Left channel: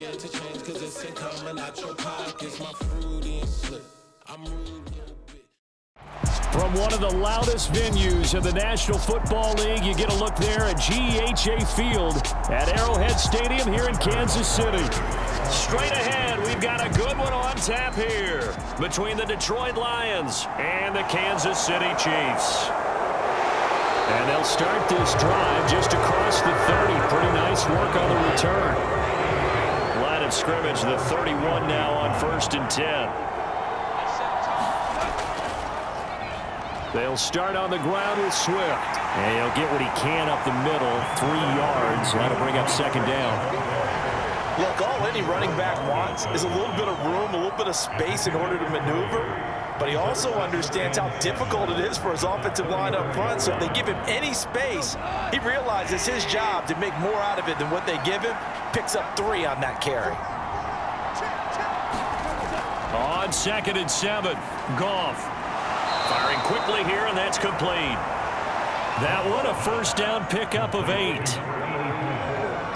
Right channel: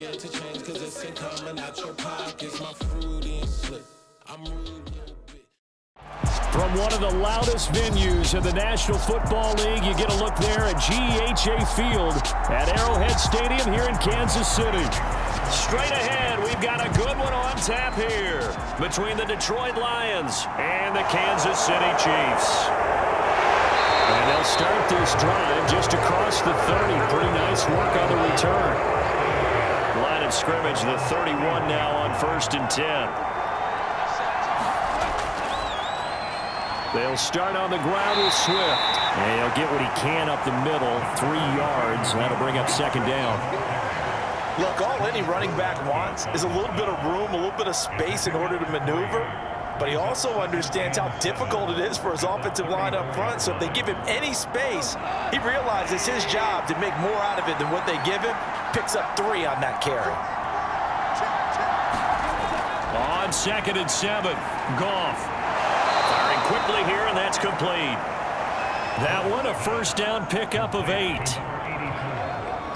To change cause it's coming out your pockets. My fruity and slip. I'm rude. From one of the loudest venues in the National Football League, you get a look there at GEHA Field at Arrowhead Stadium here in Kansas City. Straight ahead, we've got a good one on tap here between the Detroit Lions and the Kansas City Chiefs. And they'll start this drive just across the 30. Pretty nice work on the return. Line of scrimmage, the 31 now on 1st and 10. They'll start on the ground with Swift. And he'll get what he can up the middle, 3 yards. That'll bring up 2nd down. Look, all any running back wants is a little bit of room, a little bit of space in order to maneuver. But he also understands how difficult it is for his offensive line up front. So if they give him any space, he realizes his job to make more out of it than what they give him. Picks up 3 on that carry. On 2nd and 7, Goff. Firing quickly here, and that's complete. That one, a 1st down pickup of 8.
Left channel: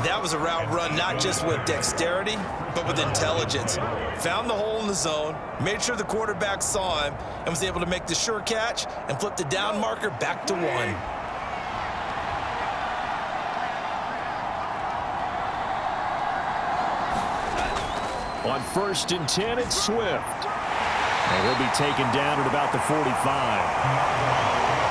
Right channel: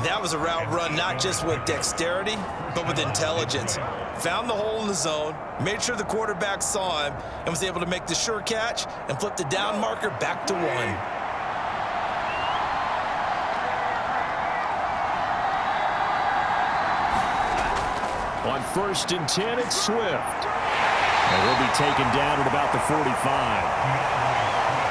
That was a route run not just with dexterity, but with intelligence. Found the hole in the zone, made sure the quarterback saw him, and was able to make the sure catch and flip the down marker back to 1. On 1st and 10, it's Swift. And he'll be taken down at about the 45.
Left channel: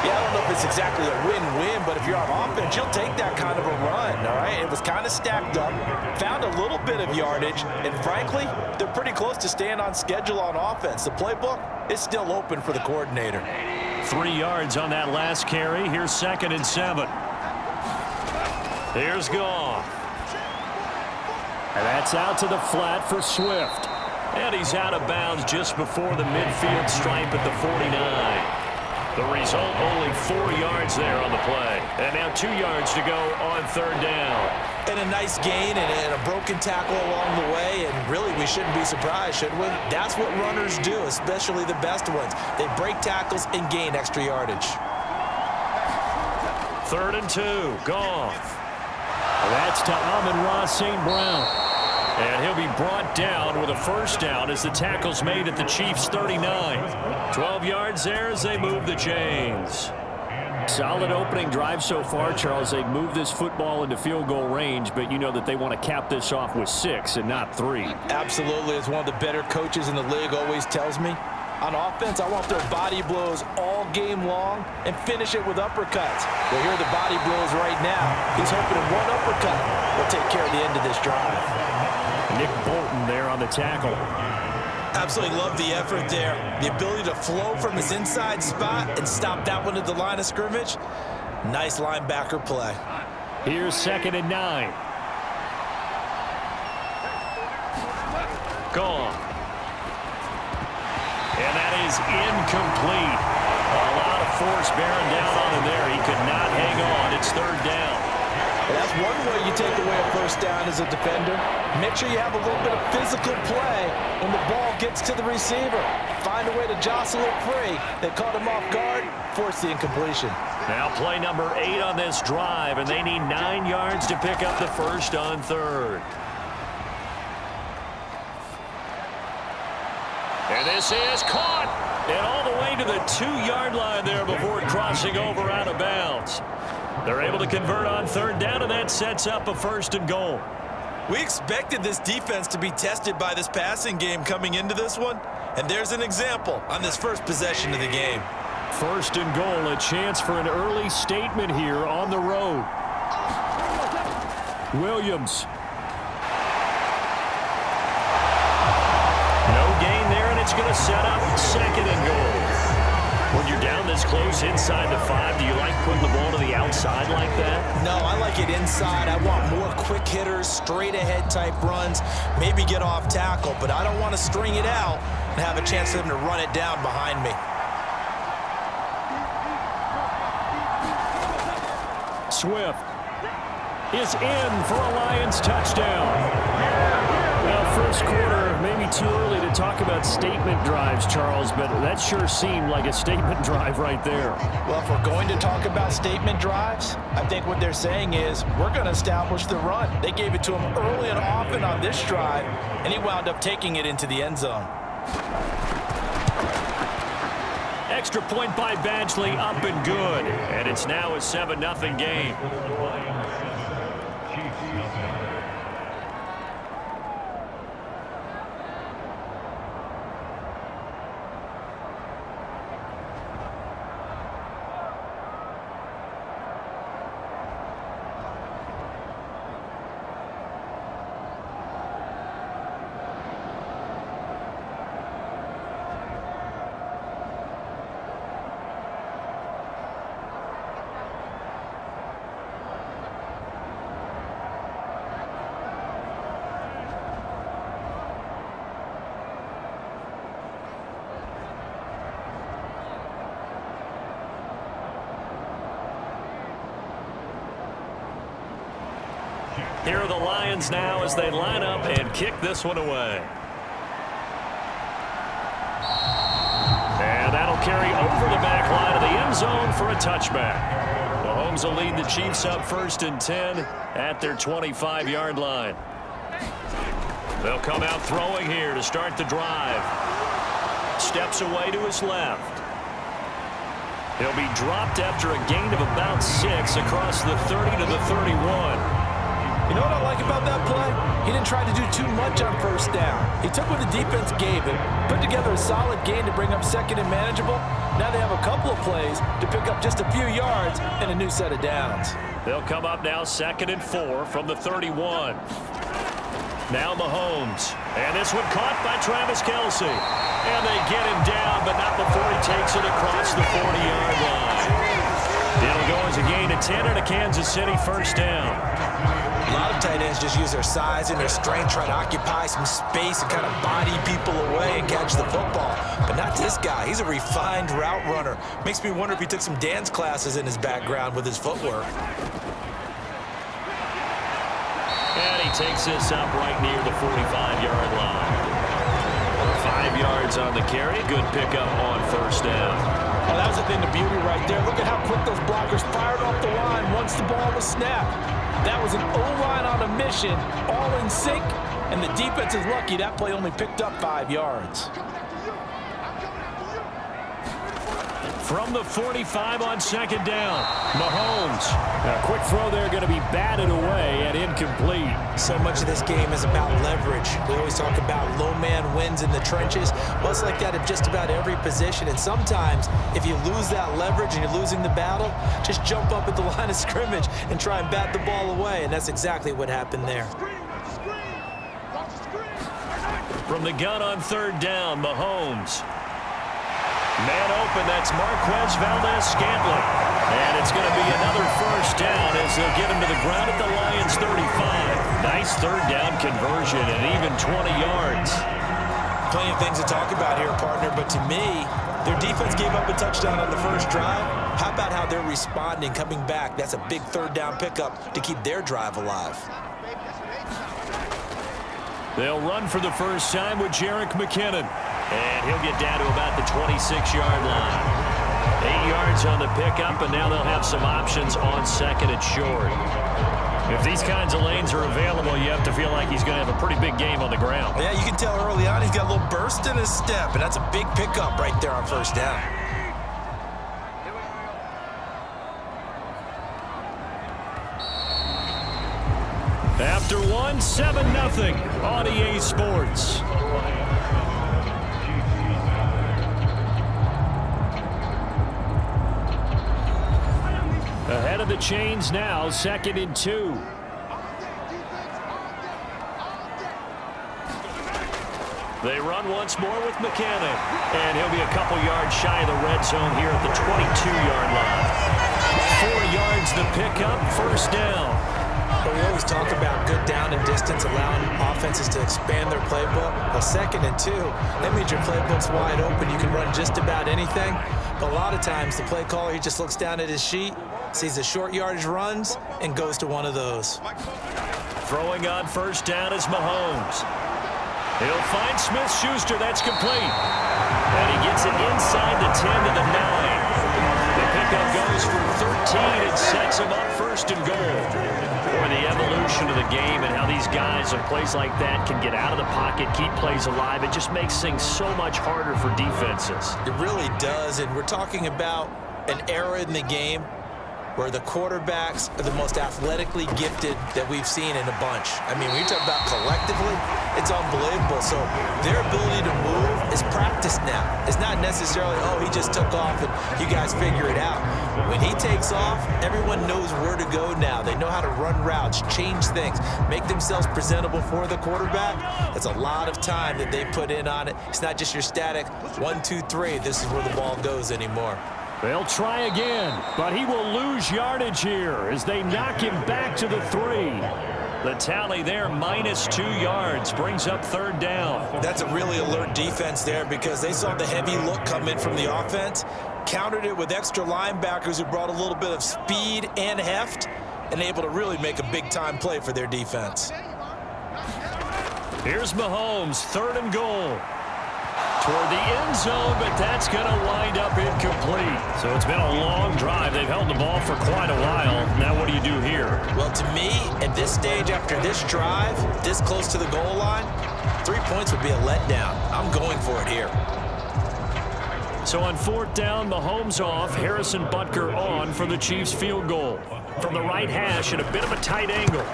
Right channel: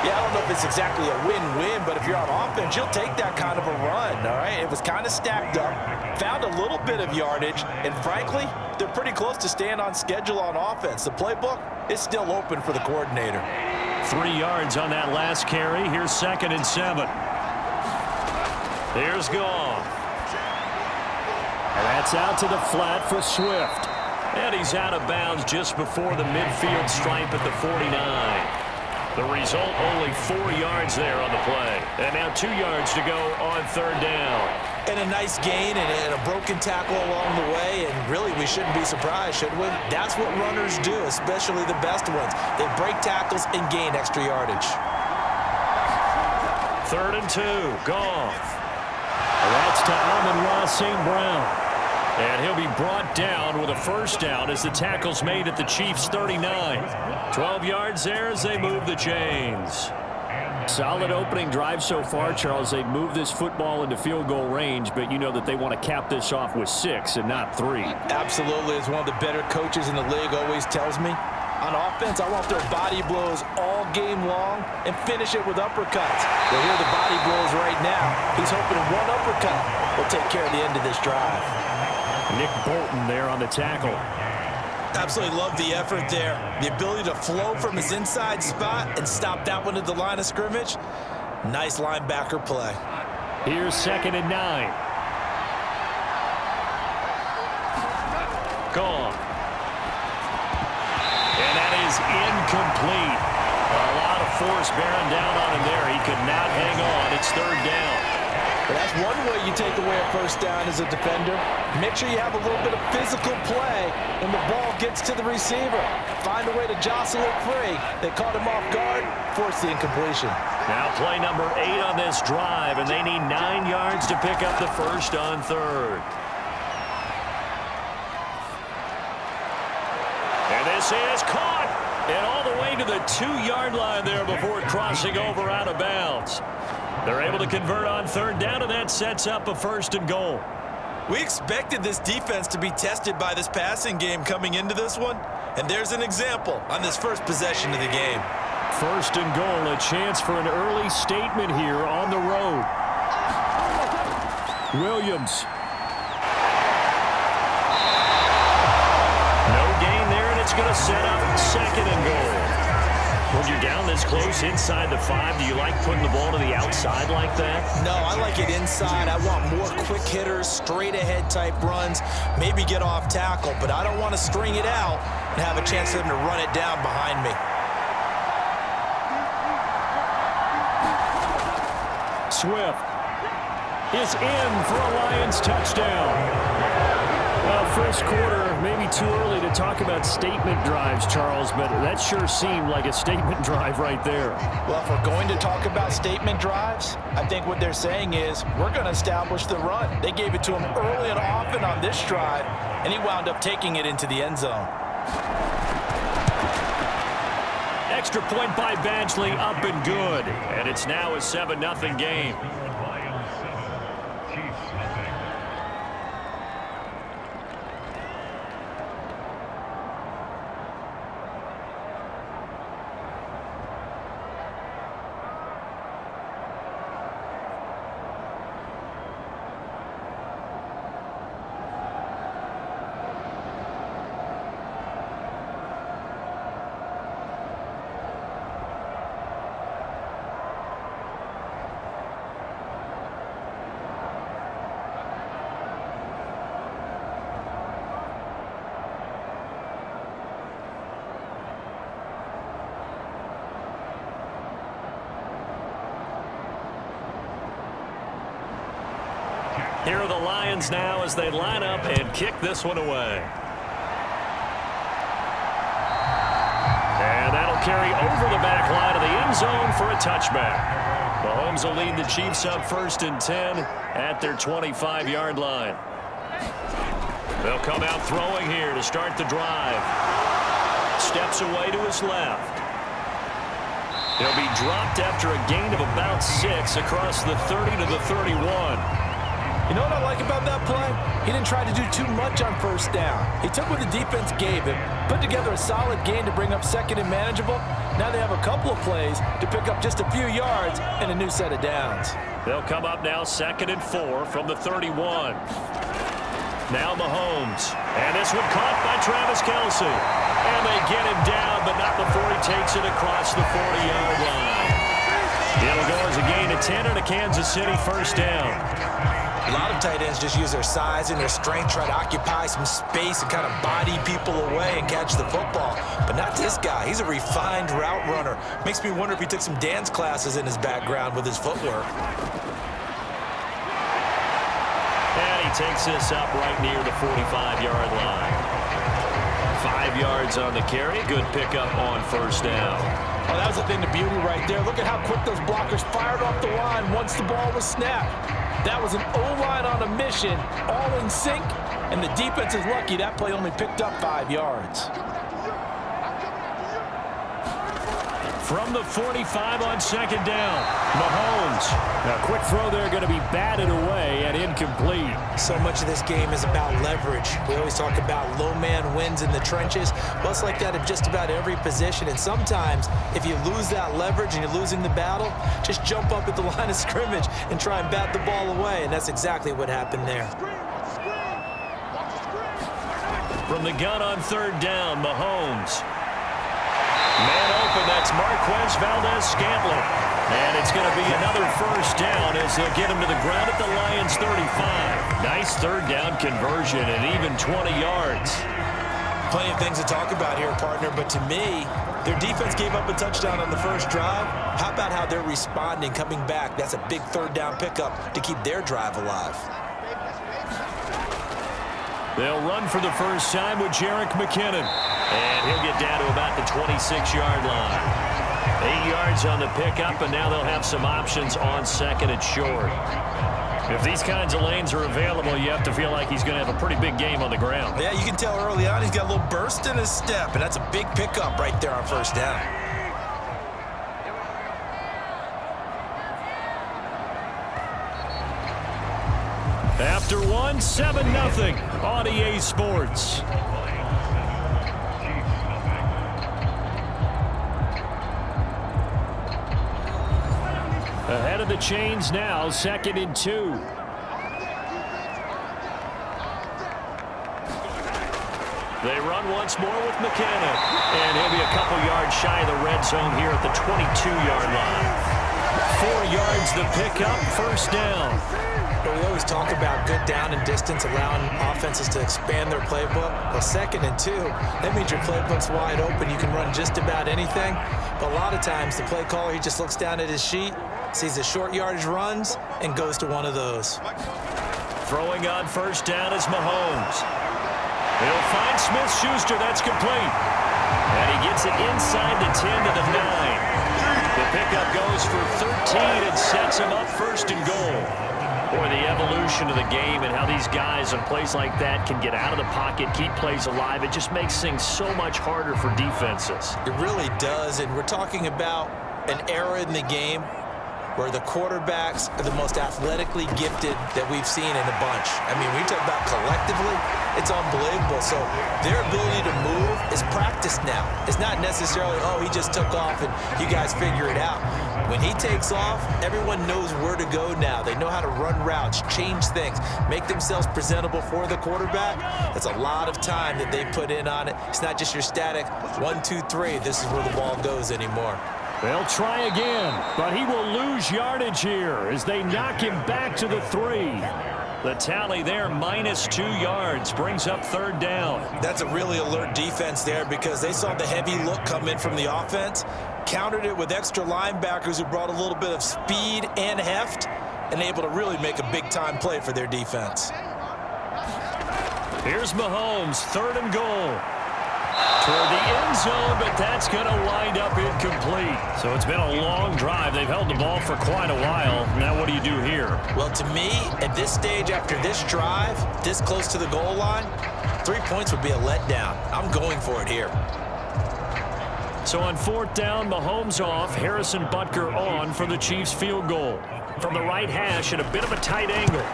Yeah, I don't know if it's exactly a win-win, but if you're on offense, you'll take that kind of a run, all right? It was kind of stacked up, found a little bit of yardage, and frankly, they're pretty close to staying on schedule on offense. The playbook is still open for the coordinator. 3 yards on that last carry. Here's 2nd and 7. Here's Goff. And that's out to the flat for Swift. And he's out of bounds just before the midfield stripe at the 49. The result, only 4 yards there on the play. And now 2 yards to go on 3rd down. And a nice gain and a broken tackle along the way, and really we shouldn't be surprised, should we? That's what runners do, especially the best ones. They break tackles and gain extra yardage. 3rd and 2, Goff. That's to Amon-Ra St. Brown. And he'll be brought down with a 1st down as the tackle's made at the Chiefs' 39. 12 yards there as they move the chains. Solid opening drive so far, Charles. They've moved this football into field goal range, but you know that they want to cap this off with 6 and not 3. Absolutely. As one of the better coaches in the league always tells me, on offense, I want their body blows all game long and finish it with uppercuts. Well, here are the body blows right now. He's hoping one uppercut will take care of the end of this drive. Nick Bolton there on the tackle. Absolutely love the effort there. The ability to flow from his inside spot and stop that one at the line of scrimmage. Nice linebacker play. Here's 2nd and 9. Gone. And that is incomplete. A lot of force bearing down on him there. He could not hang on. It's 3rd down. Well, that's one way you take away a 1st down as a defender. Make sure you have a little bit of physical play when the ball gets to the receiver. Find a way to jostle it free. They caught him off guard, forced the incompletion. Now play number 8 on this drive, and they need 9 yards to pick up the 1st on 3rd. And this is caught. And all the way to the 2-yard line there before crossing over out of bounds. They're able to convert on 3rd down, and that sets up a 1st and goal. We expected this defense to be tested by this passing game coming into this one, and there's an example on this first possession of the game. 1st and goal, a chance for an early statement here on the road. Williams. No gain there, and it's going to set up 2nd and goal. When you're down this close inside the 5, do you like putting the ball to the outside like that? No, I like it inside. I want more quick hitters, straight ahead type runs, maybe get off tackle, but I don't want to string it out and have a chance for them to run it down behind me. Swift is in for a Lions touchdown. Now 1st first quarter, maybe too early to talk about statement drives, Charles, but that sure seemed like a statement drive right there. Well, if we're going to talk about statement drives, I think what they're saying is we're going to establish the run. They gave it to him early and often on this drive, and he wound up taking it into the end zone. Extra point by Badgley, up and good. And it's now a 7-0 game. Here are the Lions now as they line up and kick this one away. And that'll carry over the back line of the end zone for a touchback. Mahomes will lead the Chiefs up 1st and 10 at their 25-yard line. They'll come out throwing here to start the drive. Steps away to his left. He'll be dropped after a gain of about 6 across the 30 to the 31. You know what I like about that play? He didn't try to do too much on first down. He took what the defense gave him, put together a solid gain to bring up 2nd and manageable. Now they have a couple of plays to pick up just a few yards and a new set of downs. They'll come up now 2nd and 4 from the 31. Now Mahomes. And this one caught by Travis Kelce. And they get him down, but not before he takes it across the 40-yard line. It'll go as a gain of 10 and a Kansas City first down. A lot of tight ends just use their size and their strength, try to occupy some space and kind of body people away and catch the football. But not this guy. He's a refined route runner. Makes me wonder if he took some dance classes in his background with his footwork. And he takes this up right near the 45-yard line. 5 yards on the carry. Good pickup on first down. Oh, that was the thing, the beauty right there. Look at how quick those blockers fired off the line once the ball was snapped. That was an O-line on a mission, all in sync, and the defense is lucky that play only picked up 5 yards. From the 45 on 2nd down, Mahomes. A quick throw there going to be batted away and incomplete. So much of this game is about leverage. We always talk about low man wins in the trenches. Well, it's like that in just about every position. And sometimes, if you lose that leverage and you're losing the battle, just jump up at the line of scrimmage and try and bat the ball away. And that's exactly what happened there. From the gun on 3rd down, Mahomes. Man open, that's Marquez Valdez-Scantling. And it's going to be another first down as they'll get him to the ground at the Lions' 35. Nice 3rd down conversion and even 20 yards. Plenty of things to talk about here, partner, but to me, their defense gave up a touchdown on the first drive. How about how they're responding, coming back? That's a big 3rd down pickup to keep their drive alive. They'll run for the first time with Jerick McKinnon. And he'll get down to about the 26-yard line. 8 yards on the pickup, and now they'll have some options on 2nd and short. If these kinds of lanes are available, you have to feel like he's going to have a pretty big game on the ground. Yeah, you can tell early on he's got a little burst in his step, and that's a big pickup right there on first down. After one, 7-0 on EA Sports. Ahead of the chains now, 2nd and 2. They run once more with McKinnon. And he'll be a couple yards shy of the red zone here at the 22-yard line. 4 yards the pickup, first down. But we always talk about good down and distance, allowing offenses to expand their playbook. Well, 2nd and 2, that means your playbook's wide open. You can run just about anything. But a lot of times, the play caller, he just looks down at his sheet, sees the short yardage runs, and goes to one of those. Throwing on first down is Mahomes. He'll find Smith-Schuster. That's complete. And he gets it inside the 10 to the 9. The pickup goes for 13 and sets him up first and goal. Boy, the evolution of the game and how these guys on plays like that can get out of the pocket, keep plays alive, it just makes things so much harder for defenses. It really does, and we're talking about an era in the game where the quarterbacks are the most athletically gifted that we've seen in a bunch. I mean, when you talk about collectively, it's unbelievable. So their ability to move is practiced now. It's not necessarily, oh, he just took off and you guys figure it out. When he takes off, everyone knows where to go now. They know how to run routes, change things, make themselves presentable for the quarterback. It's a lot of time that they put in on it. It's not just your static 1, 2, 3. This is where the ball goes anymore. They'll try again, but he will lose yardage here as they knock him back to the 3. The tally there, -2 yards, brings up third down. That's a really alert defense there because they saw the heavy look come in from the offense, countered it with extra linebackers who brought a little bit of speed and heft, and able to really make a big-time play for their defense. Here's Mahomes, 3rd and goal. Toward the end zone, but that's going to wind up incomplete. So it's been a long drive. They've held the ball for quite a while. Now what do you do here? Well, to me, at this stage, after this drive, this close to the goal line, 3 points would be a letdown. I'm going for it here. So on 4th down, Mahomes off, Harrison Butker on for the Chiefs field goal. From the right hash at a bit of a tight angle.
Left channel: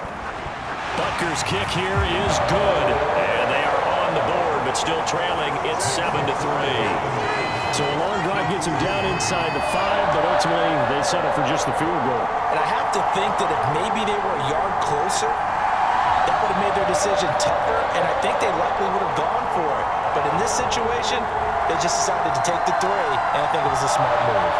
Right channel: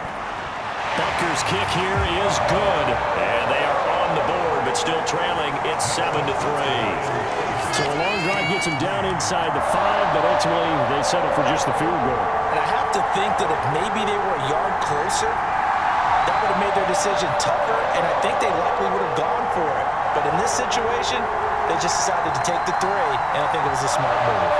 Butker's kick here is good, and they are on the board, but still trailing. It's 7-3. So a long drive gets them down inside the 5, but ultimately they settle for just the field goal. And I have to think that if maybe they were a yard closer, that would have made their decision tougher, and I think they likely would have gone for it. But in this situation, they just decided to take the 3, and I think it was a smart move.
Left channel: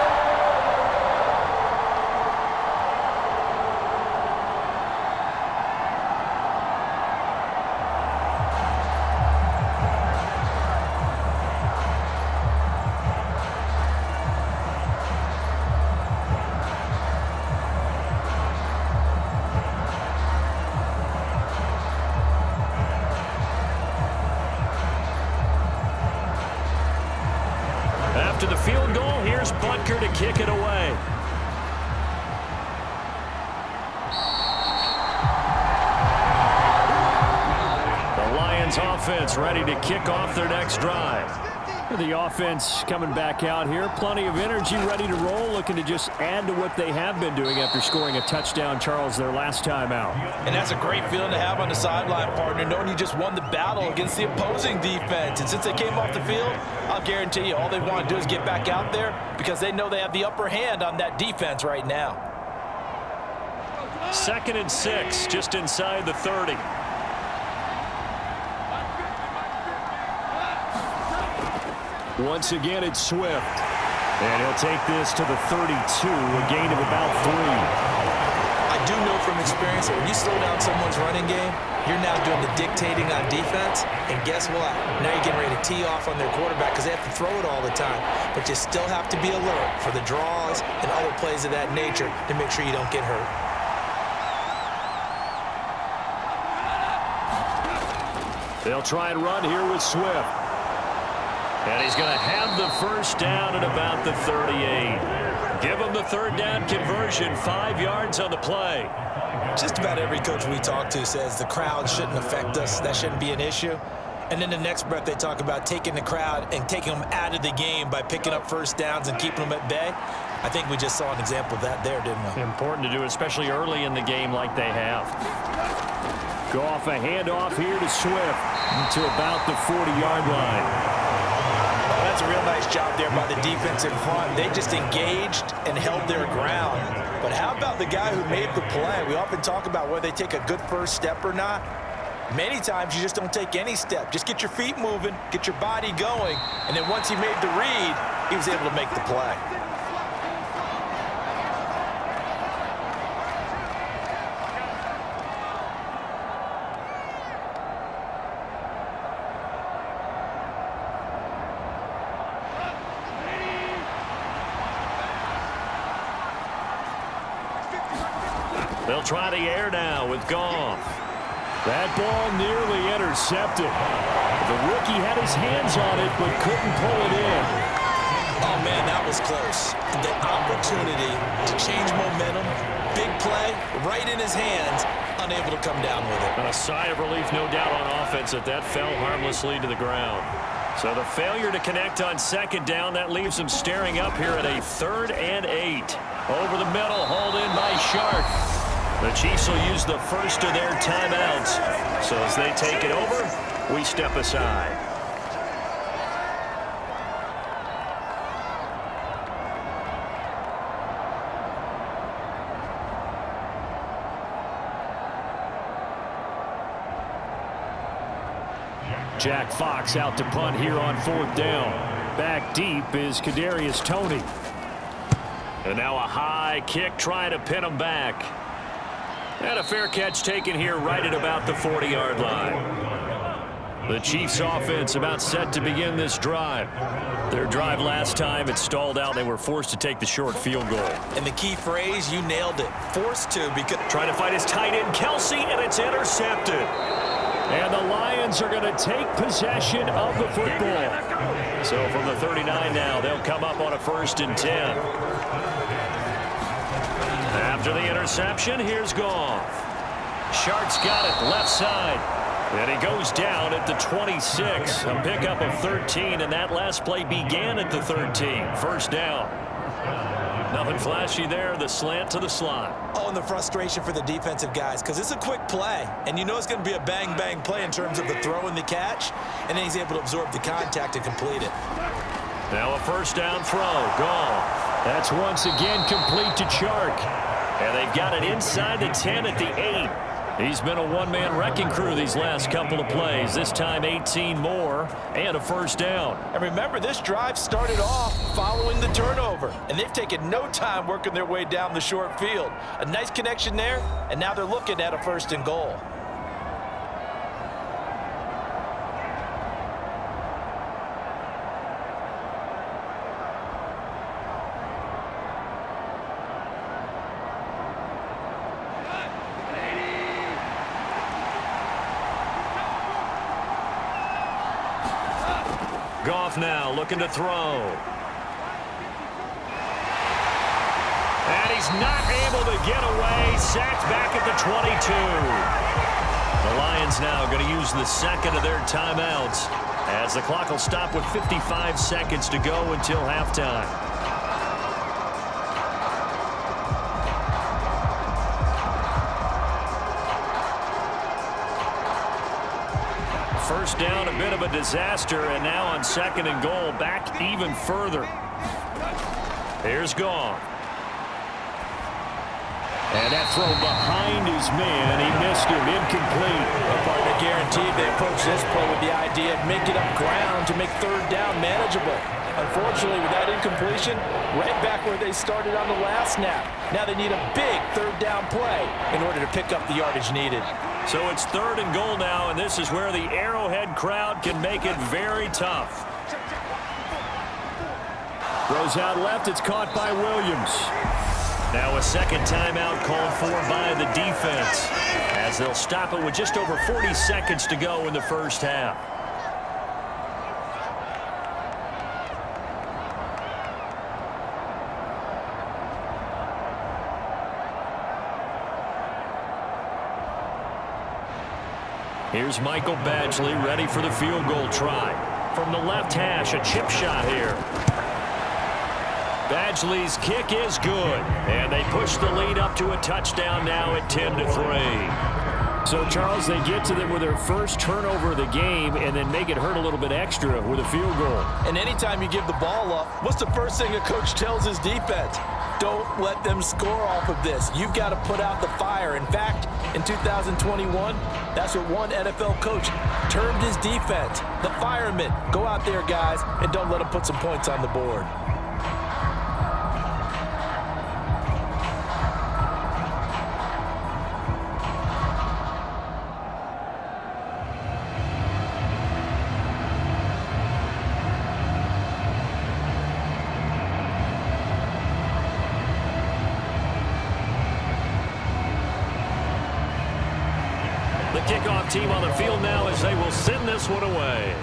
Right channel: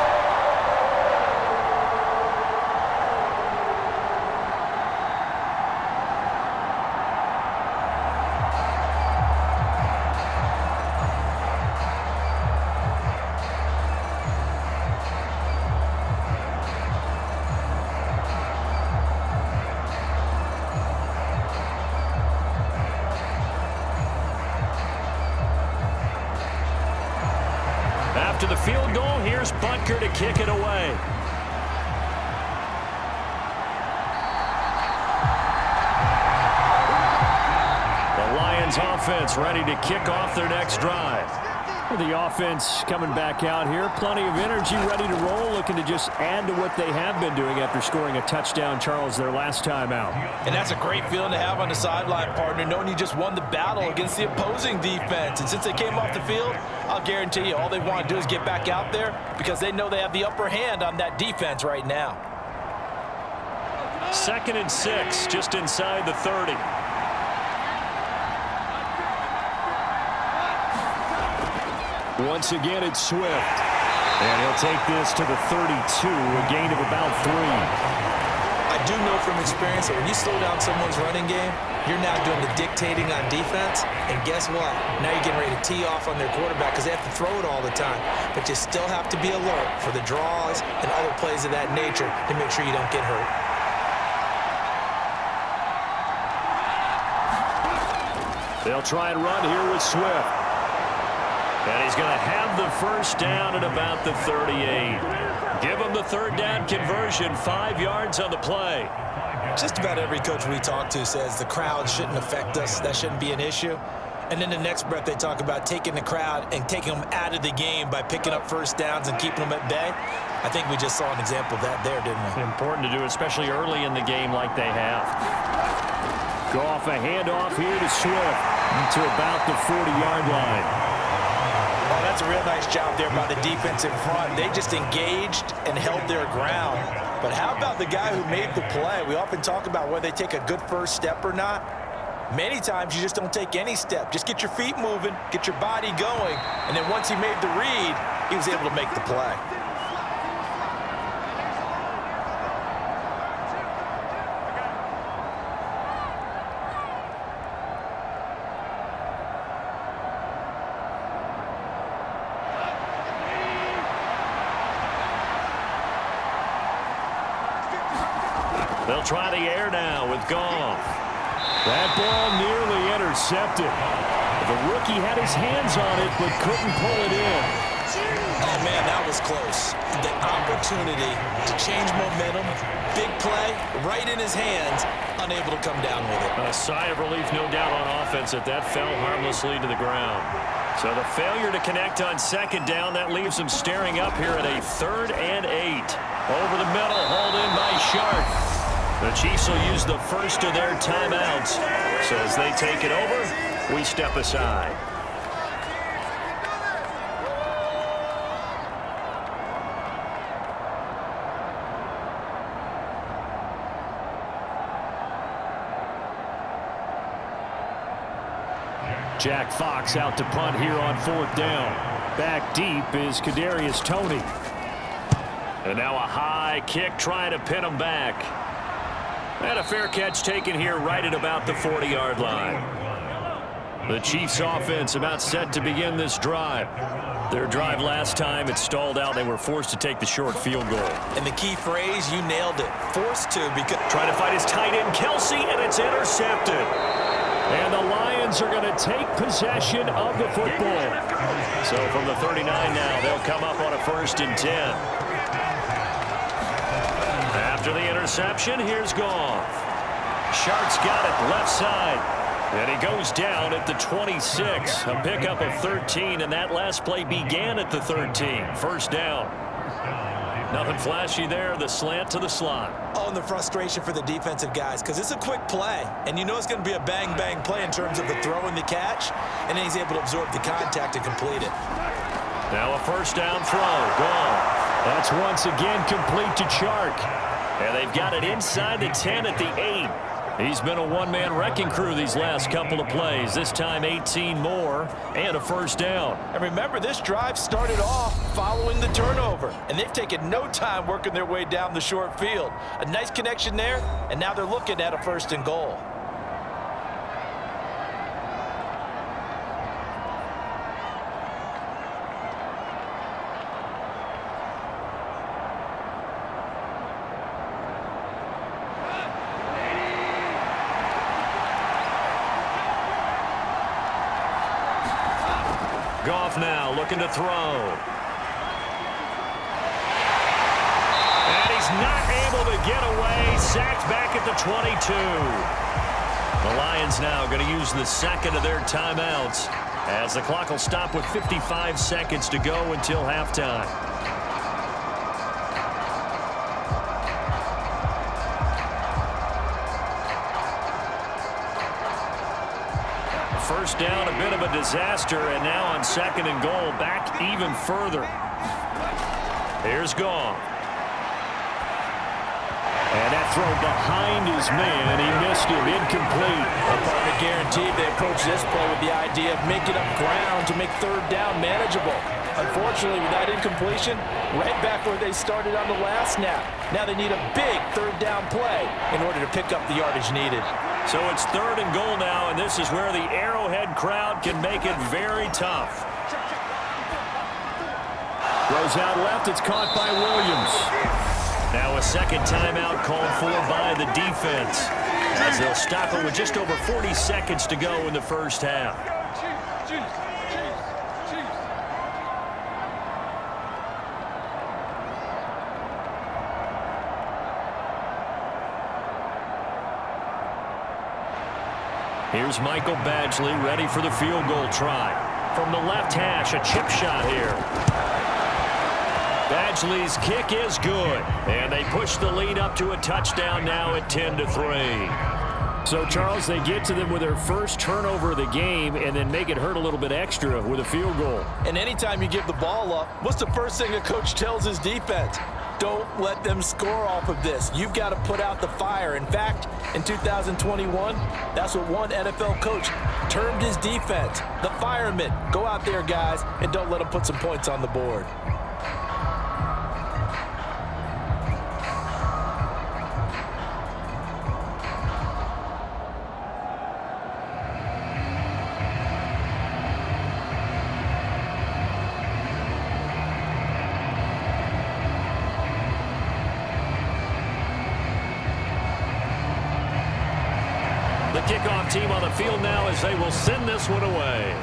After the field goal, here's Butker to kick it away. The Lions offense ready to kick off their next drive. The offense coming back out here. Plenty of energy, ready to roll, looking to just add to what they have been doing after scoring a touchdown, Charles, their last time out. And that's a great feeling to have on the sideline, partner, knowing you just won the battle against the opposing defense. And since they came off the field, I'll guarantee you all they want to do is get back out there because they know they have the upper hand on that defense right now. 2nd and 6, just inside the 30. Once again, it's Swift. And he'll take this to the 32, a gain of about 3. I do know from experience that when you slow down someone's running game, you're now doing the dictating on defense. And guess what? Now you're getting ready to tee off on their quarterback because they have to throw it all the time. But you still have to be alert for the draws and other plays of that nature to make sure you don't get hurt. They'll try and run here with Swift. And he's going to have the first down at about the 38. Give him the 3rd down conversion, 5 yards on the play. Just about every coach we talk to says the crowd shouldn't affect us. That shouldn't be an issue. And then the next breath they talk about taking the crowd and taking them out of the game by picking up first downs and keeping them at bay. I think we just saw an example of that there, didn't we? Important to do, especially early in the game like they have. Go off a handoff here to Swift to about the 40-yard line. Oh, that's a real nice job there by the defense in front. They just engaged and held their ground. But how about the guy who made the play? We often talk about whether they take a good first step or not. Many times you just don't take any step. Just get your feet moving, get your body going, and then once he made the read, he was able to make the play. They'll try the air now with Goff. That ball nearly intercepted. The rookie had his hands on it but couldn't pull it in. Oh, man, that was close. The opportunity to change momentum, big play, right in his hands, unable to come down with it. A sigh of relief, no doubt, on offense that fell harmlessly to the ground. So the failure to connect on second down, that leaves them staring up here at a 3rd and 8. Over the middle, hauled in by Shark. The Chiefs will use the first of their timeouts. So as they take it over, we step aside. Jack Fox out to punt here on 4th down. Back deep is Kadarius Toney. And now a high kick trying to pin him back. And a fair catch taken here right at about the 40-yard line. The Chiefs offense about set to begin this drive. Their drive last time, it stalled out. They were forced to take the short field goal. And the key phrase, you nailed it. Forced to, because trying to fight his tight end, Kelsey, and it's intercepted. And the Lions are going to take possession of the football. So from the 39 now, they'll come up on a 1st and 10. After the interception, here's Goff. Shark's got it left side. And he goes down at the 26. A pickup of 13, and that last play began at the 13. 1st down. Nothing flashy there. The slant to the slot. Oh, and the frustration for the defensive guys, because it's a quick play, and you know it's going to be a bang-bang play in terms of the throw and the catch, and then he's able to absorb the contact and complete it. Now a 1st down throw. Gone. That's once again complete to Chark. And they've got it inside the 10 at the 8. He's been a one-man wrecking crew these last couple of plays. This time 18 more and a 1st down. And remember, this drive started off following the turnover, and they've taken no time working their way down the short field. A nice connection there, and now they're looking at a 1st and goal. Goff now looking to throw. And he's not able to get away. Sacked back at the 22. The Lions now going to use the 2nd of their timeouts as the clock will stop with 55 seconds to go until halftime. First down, a bit of a disaster, and now on 2nd and goal, back even further. Here's Goff. And that throw behind his man, he missed him, incomplete. A partner guaranteed. They approach this play with the idea of making up ground to make 3rd down manageable. Unfortunately, with that incompletion, right back where they started on the last snap. Now they need a big 3rd down play in order to pick up the yardage needed. So it's 3rd and goal now, and this is where the Arrowhead crowd can make it very tough. Throws out left, it's caught by Williams. Now a 2nd timeout called for by the defense, as they'll stop it with just over 40 seconds to go in the 1st half. Here's Michael Badgley ready for the field goal try. From the left hash, a chip shot here. Badgley's kick is good. And they push the lead up to a touchdown now at 10-3. So, Charles, they get to them with their first turnover of the game and then make it hurt a little bit extra with a field goal. And anytime you give the ball up, what's the first thing a coach tells his defense? Don't let them score off of this. You've got to put out the fire. In fact, in 2021, that's what one NFL coach termed his defense. The firemen. Go out there, guys, and don't let them put some points on the board. The kickoff team on the field now as they will send this one away.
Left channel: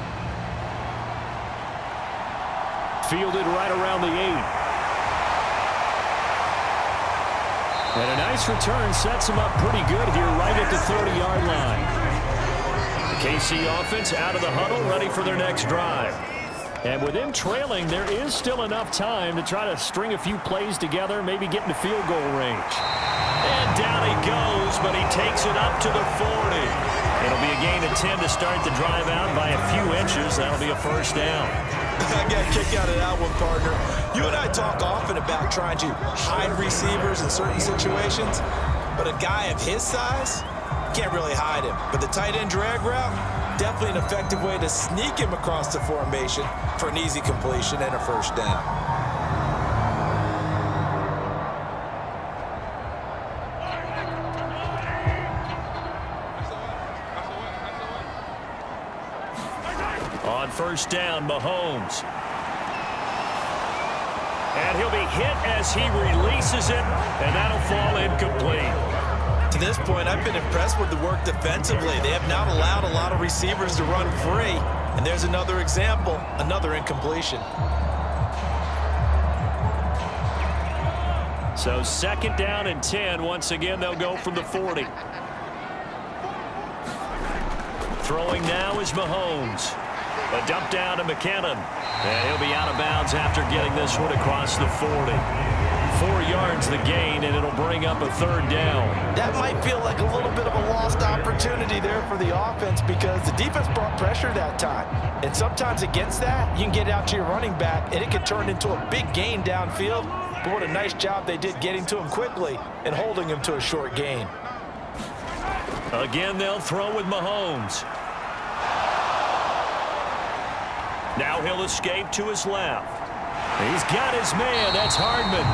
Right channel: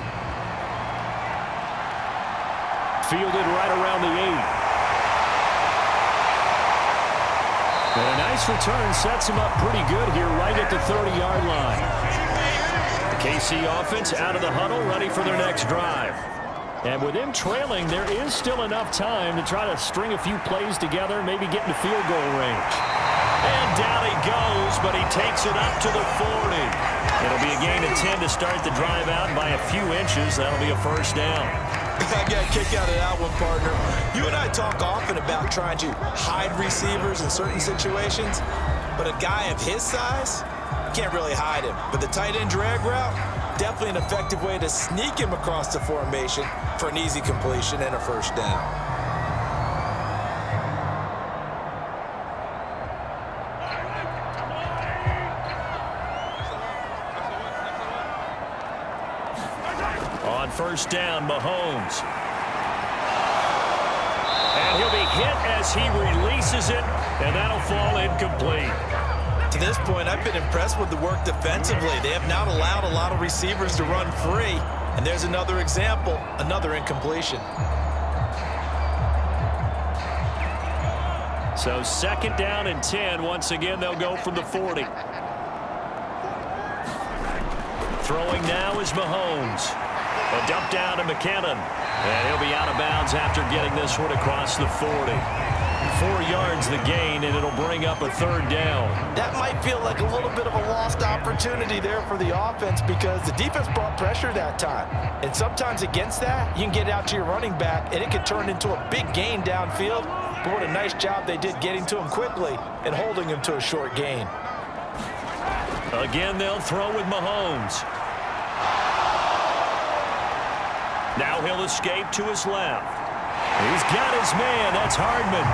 Fielded right around the 8. And a nice return sets him up pretty good here right at the 30-yard line. The KC offense out of the huddle, ready for their next drive. And with them trailing, there is still enough time to try to string a few plays together, maybe get into field goal range. And down he goes, but he takes it up to the 40. It'll be a gain of 10 to start the drive out by a few inches. That'll be a first down. I got a kick out of that one, partner. You and I talk often about trying to hide receivers in certain situations, but a guy of his size, can't really hide him. But the tight end drag route, definitely an effective way to sneak him across the formation for an easy completion and a first down. On first down, Mahomes. And he'll be hit as he releases it, and that'll fall incomplete. To this point, I've been impressed with the work defensively. They have not allowed a lot of receivers to run free. And there's another example, another incompletion. So second down and 10. Once again, they'll go from the 40. Throwing now is Mahomes. A dump down to McKinnon. And he'll be out of bounds after getting this one across the 40. 4 yards the gain, and it'll bring up a third down. That might feel like a little bit of a lost opportunity there for the offense because the defense brought pressure that time. And sometimes against that, you can get out to your running back, and it could turn into a big gain downfield. But what a nice job they did getting to him quickly and holding him to a short gain. Again, they'll throw with Mahomes. Now he'll escape to his left. He's got his man. That's Hardman.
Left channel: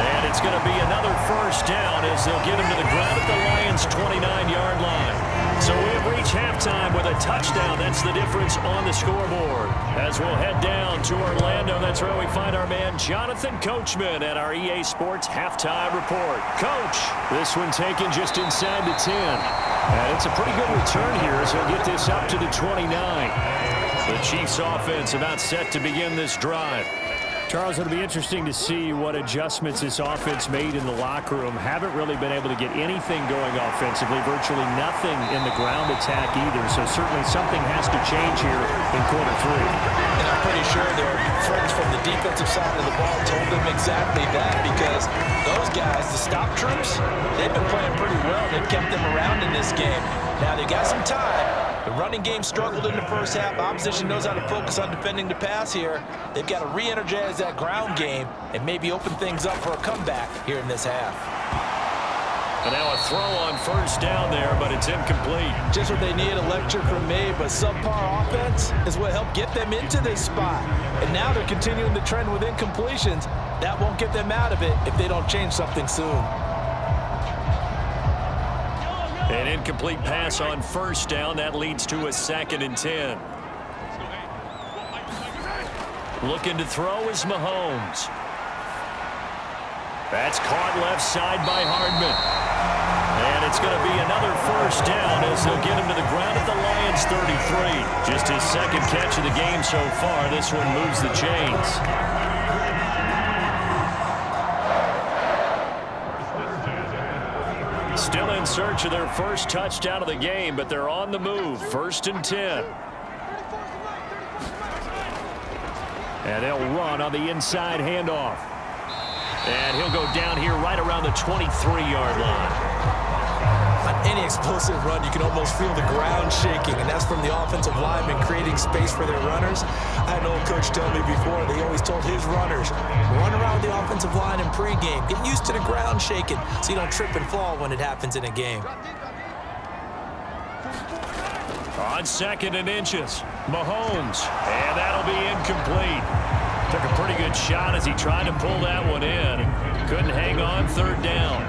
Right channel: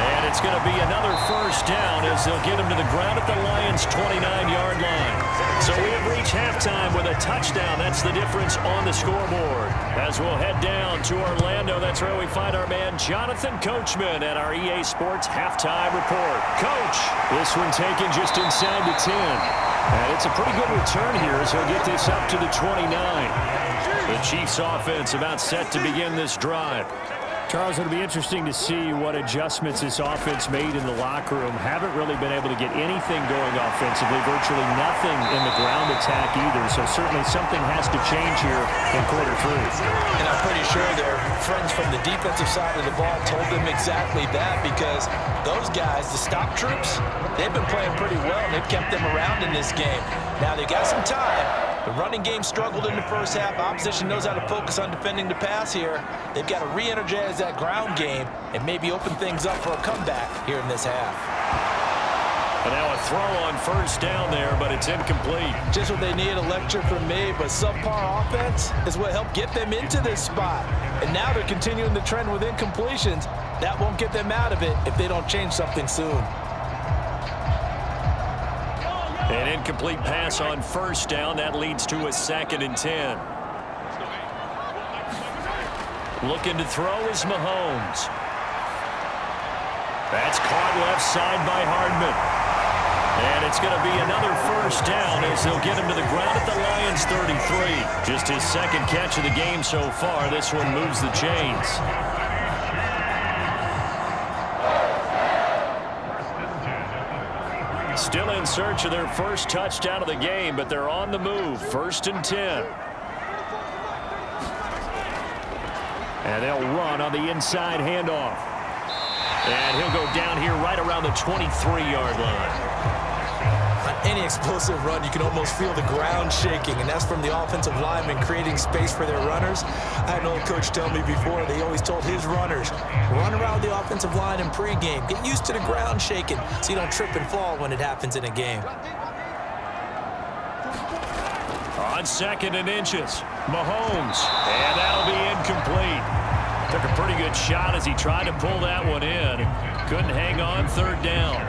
And it's going to be another first down as they'll get him to the ground at the Lions' 29-yard line. So we have reached halftime with a touchdown. That's the difference on the scoreboard. As we'll head down to Orlando, that's where we find our man Jonathan Coachman at our EA Sports Halftime Report. Coach, this one taken just inside the 10. And it's a pretty good return here as he'll get this up to the 29. The Chiefs offense about set to begin this drive. Charles, it'll be interesting to see what adjustments this offense made in the locker room. Haven't really been able to get anything going offensively, virtually nothing in the ground attack either. So certainly something has to change here in quarter 3. And I'm pretty sure their friends from the defensive side of the ball told them exactly that because those guys, the stop troops, they've been playing pretty well. They've kept them around in this game. Now they've got some time. The running game struggled in the first half. Opposition knows how to focus on defending the pass here. They've got to re-energize that ground game and maybe open things up for a comeback here in this half. And now a throw on first down there, but it's incomplete. Just what they need, a lecture from me, but subpar offense is what helped get them into this spot. And now they're continuing the trend with incompletions. That won't get them out of it if they don't change something soon. An incomplete pass on first down. That leads to a 2nd and 10. Looking to throw is Mahomes. That's caught left side by Hardman. And it's going to be another first down as they'll get him to the ground at the Lions' 33. Just his second catch of the game so far. This one moves the chains. Still in search of their first touchdown of the game, but they're on the move. 1st and 10. And they'll run on the inside handoff. And he'll go down here right around the 23-yard line. On any explosive run, you can almost feel the ground shaking, and that's from the offensive linemen creating space for their runners. I had an old coach tell me before, they always told his runners, run around the offensive line in pregame. Get used to the ground shaking so you don't trip and fall when it happens in a game. On 2nd and inches, Mahomes, and that'll be incomplete. Took a pretty good shot as he tried to pull that one in. Couldn't hang on, 3rd down.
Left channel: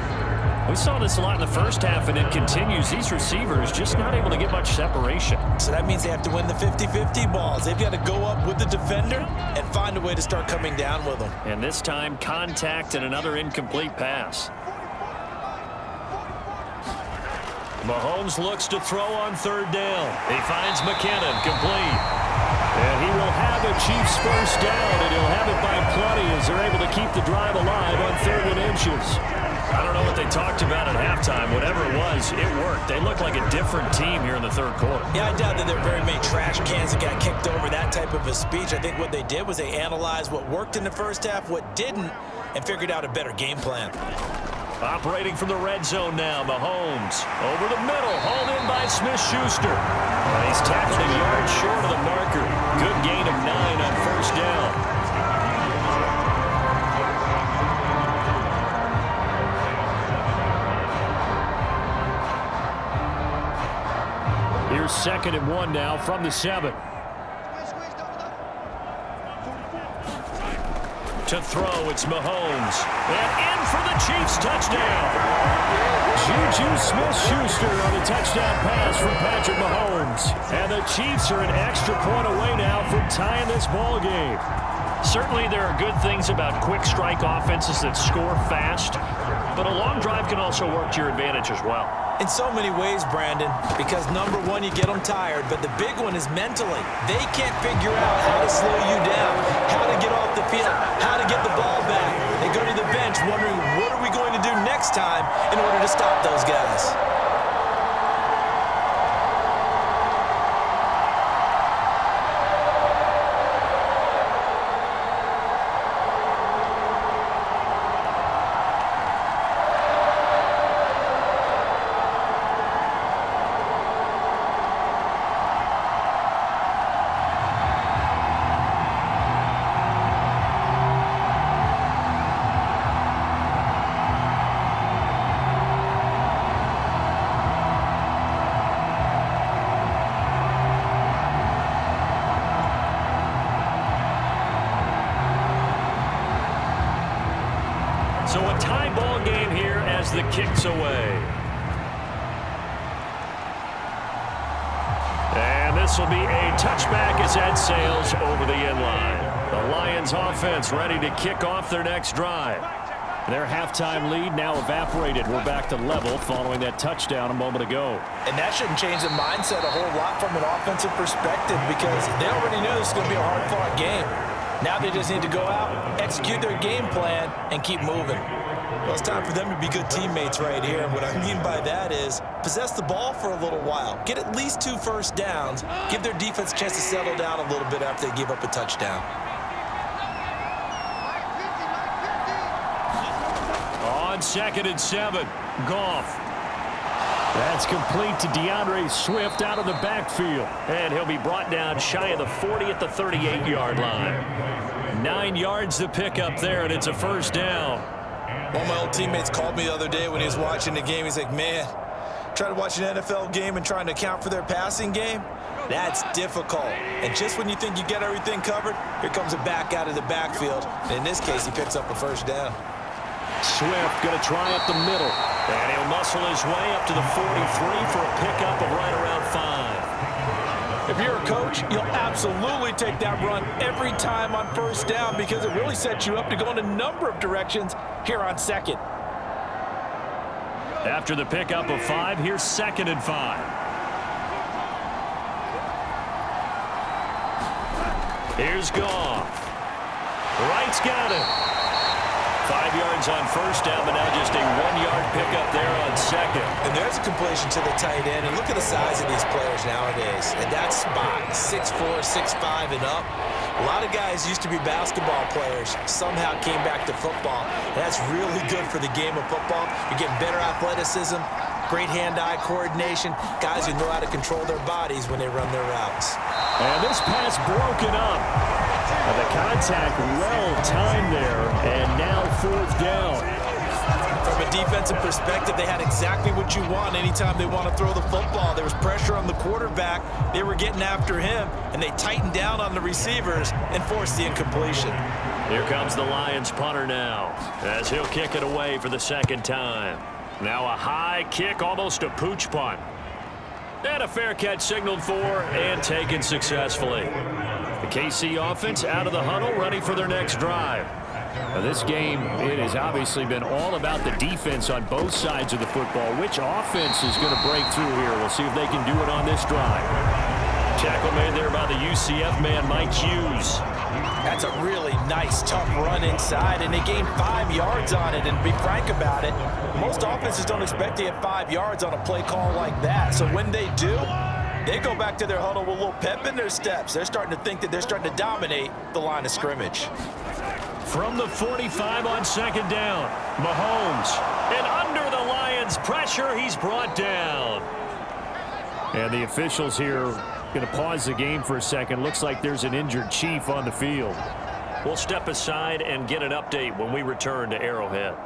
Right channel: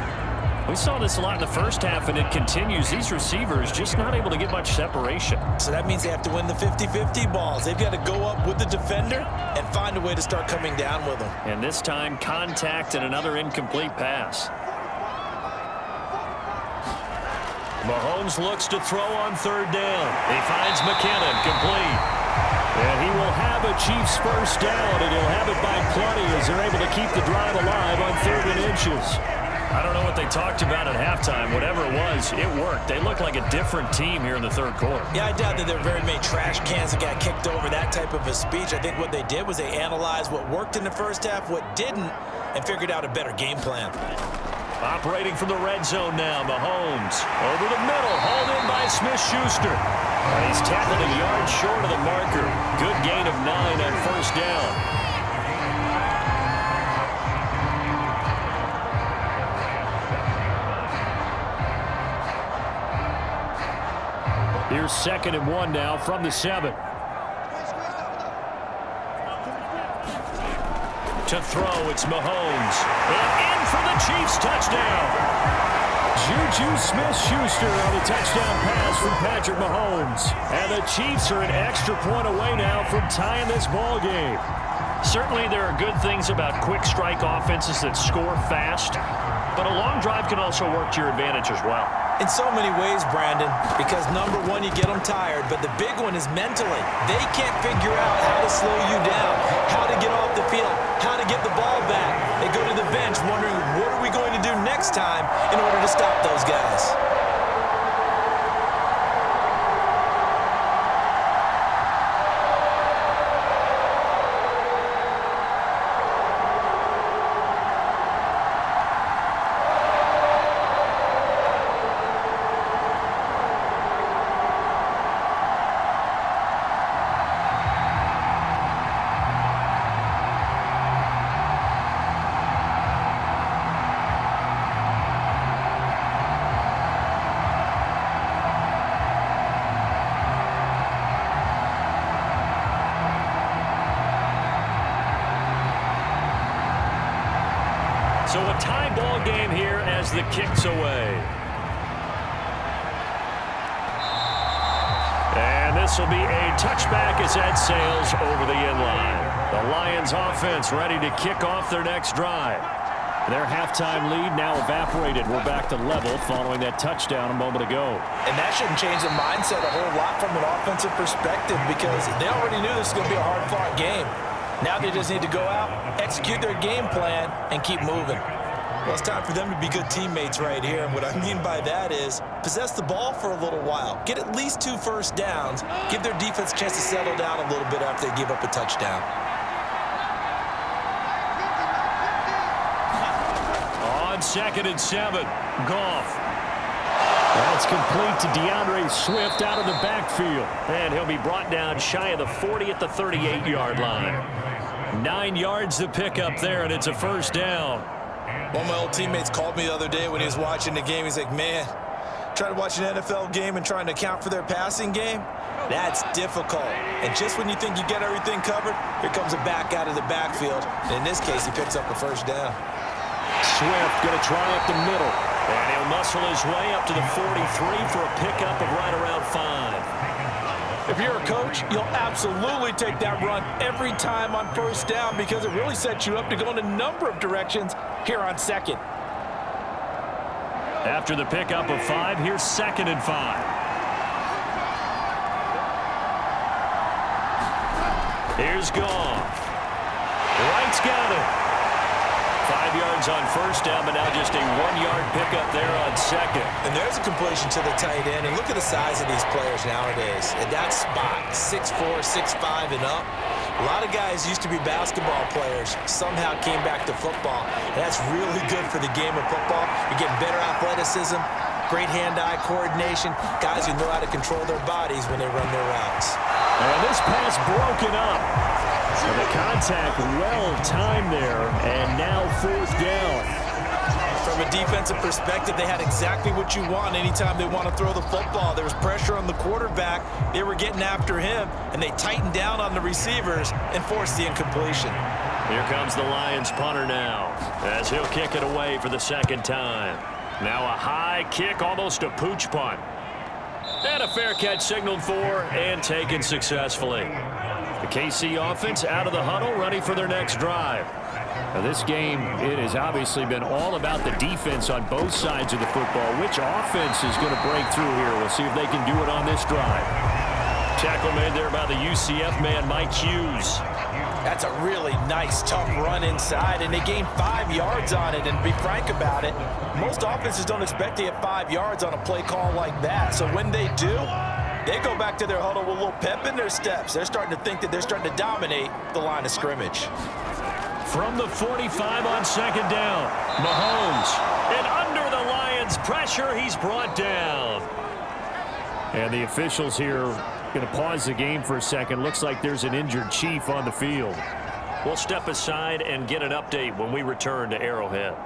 We saw this a lot in the first half, and it continues. These receivers just not able to get much separation. So that means they have to win the 50-50 balls. They've got to go up with the defender and find a way to start coming down with them. And this time, contact and another incomplete pass. Mahomes looks to throw on third down. He finds McKinnon, complete. And he will have a Chiefs first down, and he'll have it by plenty as they're able to keep the drive alive on 3rd and inches. I don't know what they talked about at halftime. Whatever it was, it worked. They look like a different team here in the 3rd quarter. Yeah, I doubt that there are very many trash cans that got kicked over that type of a speech. I think what they did was they analyzed what worked in the first half, what didn't, and figured out a better game plan. Operating from the red zone now, Mahomes over the middle, hauled in by Smith-Schuster. And he's tackled a yard short of the marker. Good gain of 9 on first down. Here's 2nd and 1 now from the 7. To throw, it's Mahomes. And in for the Chiefs touchdown. Juju Smith-Schuster on the touchdown pass from Patrick Mahomes. And the Chiefs are an extra point away now from tying this ball game. Certainly there are good things about quick strike offenses that score fast, but a long drive can also work to your advantage as well. In so many ways, Brandon, because number one, you get them tired, but the big one is mentally. They can't figure out how to slow you down, how to get off the field, how to get the ball back. They go to the bench wondering, what are we going to do next time in order to stop those guys? So a tie ball game here as the kick's away. And this will be a touchback as that sails over the end line. The Lions offense ready to kick off their next drive. Their halftime lead now evaporated. We're back to level following that touchdown a moment ago. And that shouldn't change the mindset a whole lot from an offensive perspective because they already knew this was going to be a hard-fought game. Now they just need to go out, execute their game plan, and keep moving. Well, it's time for them to be good teammates right here. And what I mean by that is possess the ball for a little while. Get at least 2 first downs. Give their defense a chance to settle down a little bit after they give up a touchdown. On 2nd and 7, Goff. That's complete to DeAndre Swift out of the backfield. And he'll be brought down shy of the 40 at the 38-yard line. 9 yards to pick up there, and it's a first down. One of my old teammates called me the other day when he was watching the game. He's like, man, trying to watch an NFL game and trying to account for their passing game, that's difficult. And just when you think you get everything covered, here comes a back out of the backfield. And in this case, he picks up a first down. Swift going to try up the middle. And he'll muscle his way up to the 43 for a pickup of right around 5. If you're a coach, you'll absolutely take that run every time on first down because it really sets you up to go in a number of directions here on 2nd. After the pickup of 5, here's 2nd and 5. Here's Goff. Wright's got it. 5 yards on first down, but now just a 1-yard pickup there on 2nd. And there's a completion to the tight end. And look at the size of these players nowadays. And that spot, 6'4", 6'5", and up. A lot of guys used to be basketball players, somehow came back to football. And that's really good for the game of football. You're getting better athleticism, great hand-eye coordination, guys who know how to control their bodies when they run their routes. And this pass broken up. And the contact well-timed there, and now 4th down. From a defensive perspective, they had exactly what you want anytime they want to throw the football. There was pressure on the quarterback. They were getting after him, and they tightened down on the receivers and forced the incompletion. Here comes the Lions punter now, as he'll kick it away for the 2nd time. Now a high kick, almost a pooch punt. And a fair catch signaled for and taken successfully. The KC offense out of the huddle, ready for their next drive. Now, this game, it has obviously been all about the defense on both sides of the football. Which offense is going to break through here? We'll see if they can do it on this drive. Tackle made there by the UCF man, Mike Hughes. That's a really nice, tough run inside, and they gained 5 yards on it. And to be frank about it, most offenses don't expect to get 5 yards on a play call like that. So when they do, they go back to their huddle with a little pep in their steps. They're starting to think that they're starting to dominate the line of scrimmage. From the 45 on second down, Mahomes. And under the Lions' pressure, he's brought down. And the officials here going to pause the game for a second. Looks like there's an injured Chief on the field. We'll step aside and get an update when we return to Arrowhead.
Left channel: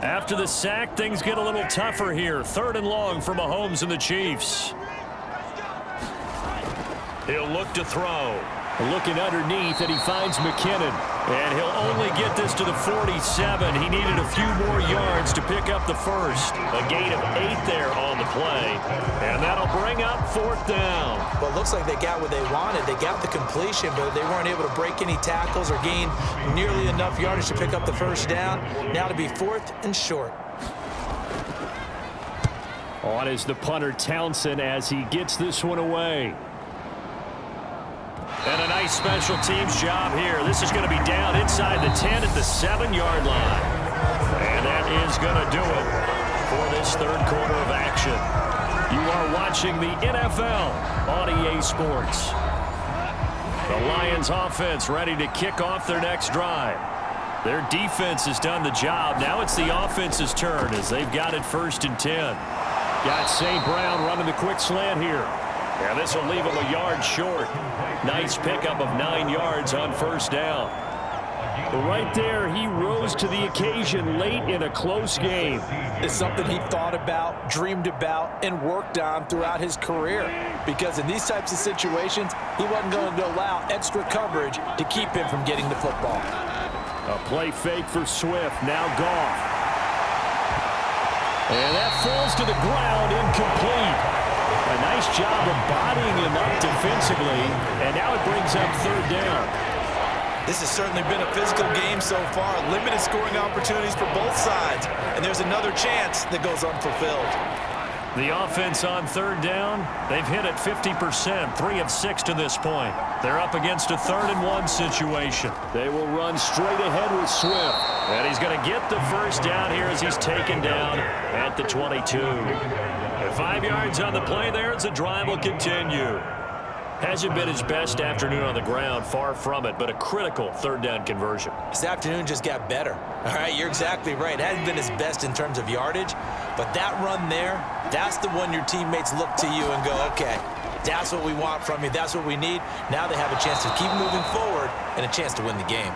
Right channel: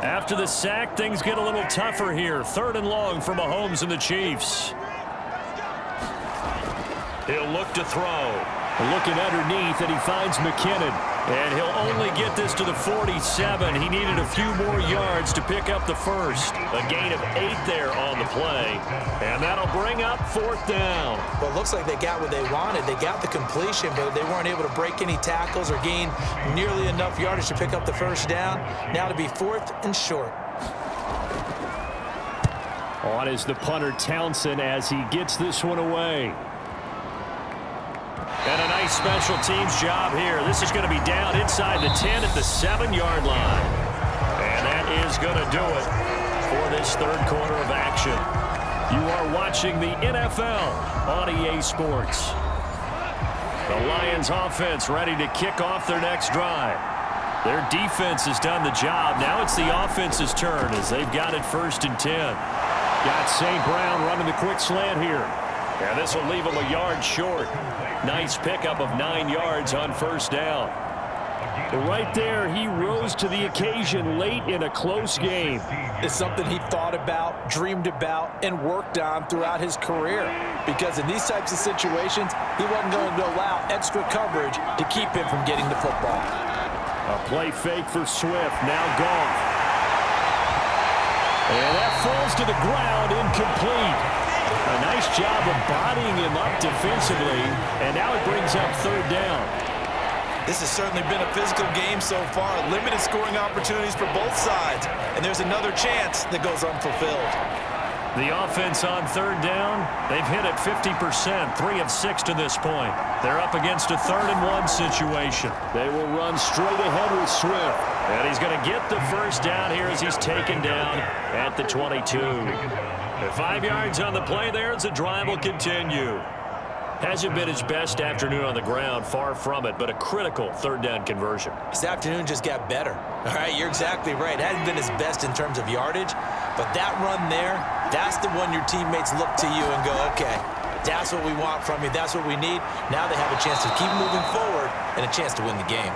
After the sack, things get a little tougher here. 3rd and long for Mahomes and the Chiefs. He'll look to throw. Looking underneath, and he finds McKinnon. And he'll only get this to the 47. He needed a few more yards to pick up the first. A gain of 8 there on the play. And that'll bring up 4th down. Well, it looks like they got what they wanted. They got the completion, but they weren't able to break any tackles or gain nearly enough yardage to pick up the first down. Now to be 4th and short. On is the punter Townsend as he gets this one away. And a nice special teams job here. This is going to be down inside the 10 at the 7-yard line. And that is going to do it for this 3rd quarter of action. You are watching the NFL on EA Sports. The Lions offense ready to kick off their next drive. Their defense has done the job. Now it's the offense's turn as they've got it 1st and 10. Got St. Brown running the quick slant here. And this will leave him a yard short. Nice pickup of 9 yards on 1st down. Right there, he rose to the occasion late in a close game. It's something he thought about, dreamed about, and worked on throughout his career. Because in these types of situations, he wasn't going to allow extra coverage to keep him from getting the football. A play fake for Swift, now Goff. And that falls to the ground, incomplete. A nice job of bodying him up defensively, and now it brings up 3rd down. This has certainly been a physical game so far. Limited scoring opportunities for both sides, and there's another chance that goes unfulfilled. The offense on 3rd down, they've hit it 50%, 3 of 6 to this point. They're up against a 3rd and 1 situation. They will run straight ahead with Swift. And he's going to get the 1st down here as he's taken down at the 22. And 5 yards on the play there as the drive will continue. Hasn't been his best afternoon on the ground, far from it, but a critical 3rd down conversion. This afternoon just got better. All right, you're exactly right. It hasn't been his best in terms of yardage, but that run there, that's the one your teammates look to you and go, okay, that's what we want from you. That's what we need. Now they have a chance to keep moving forward and a chance to win the game.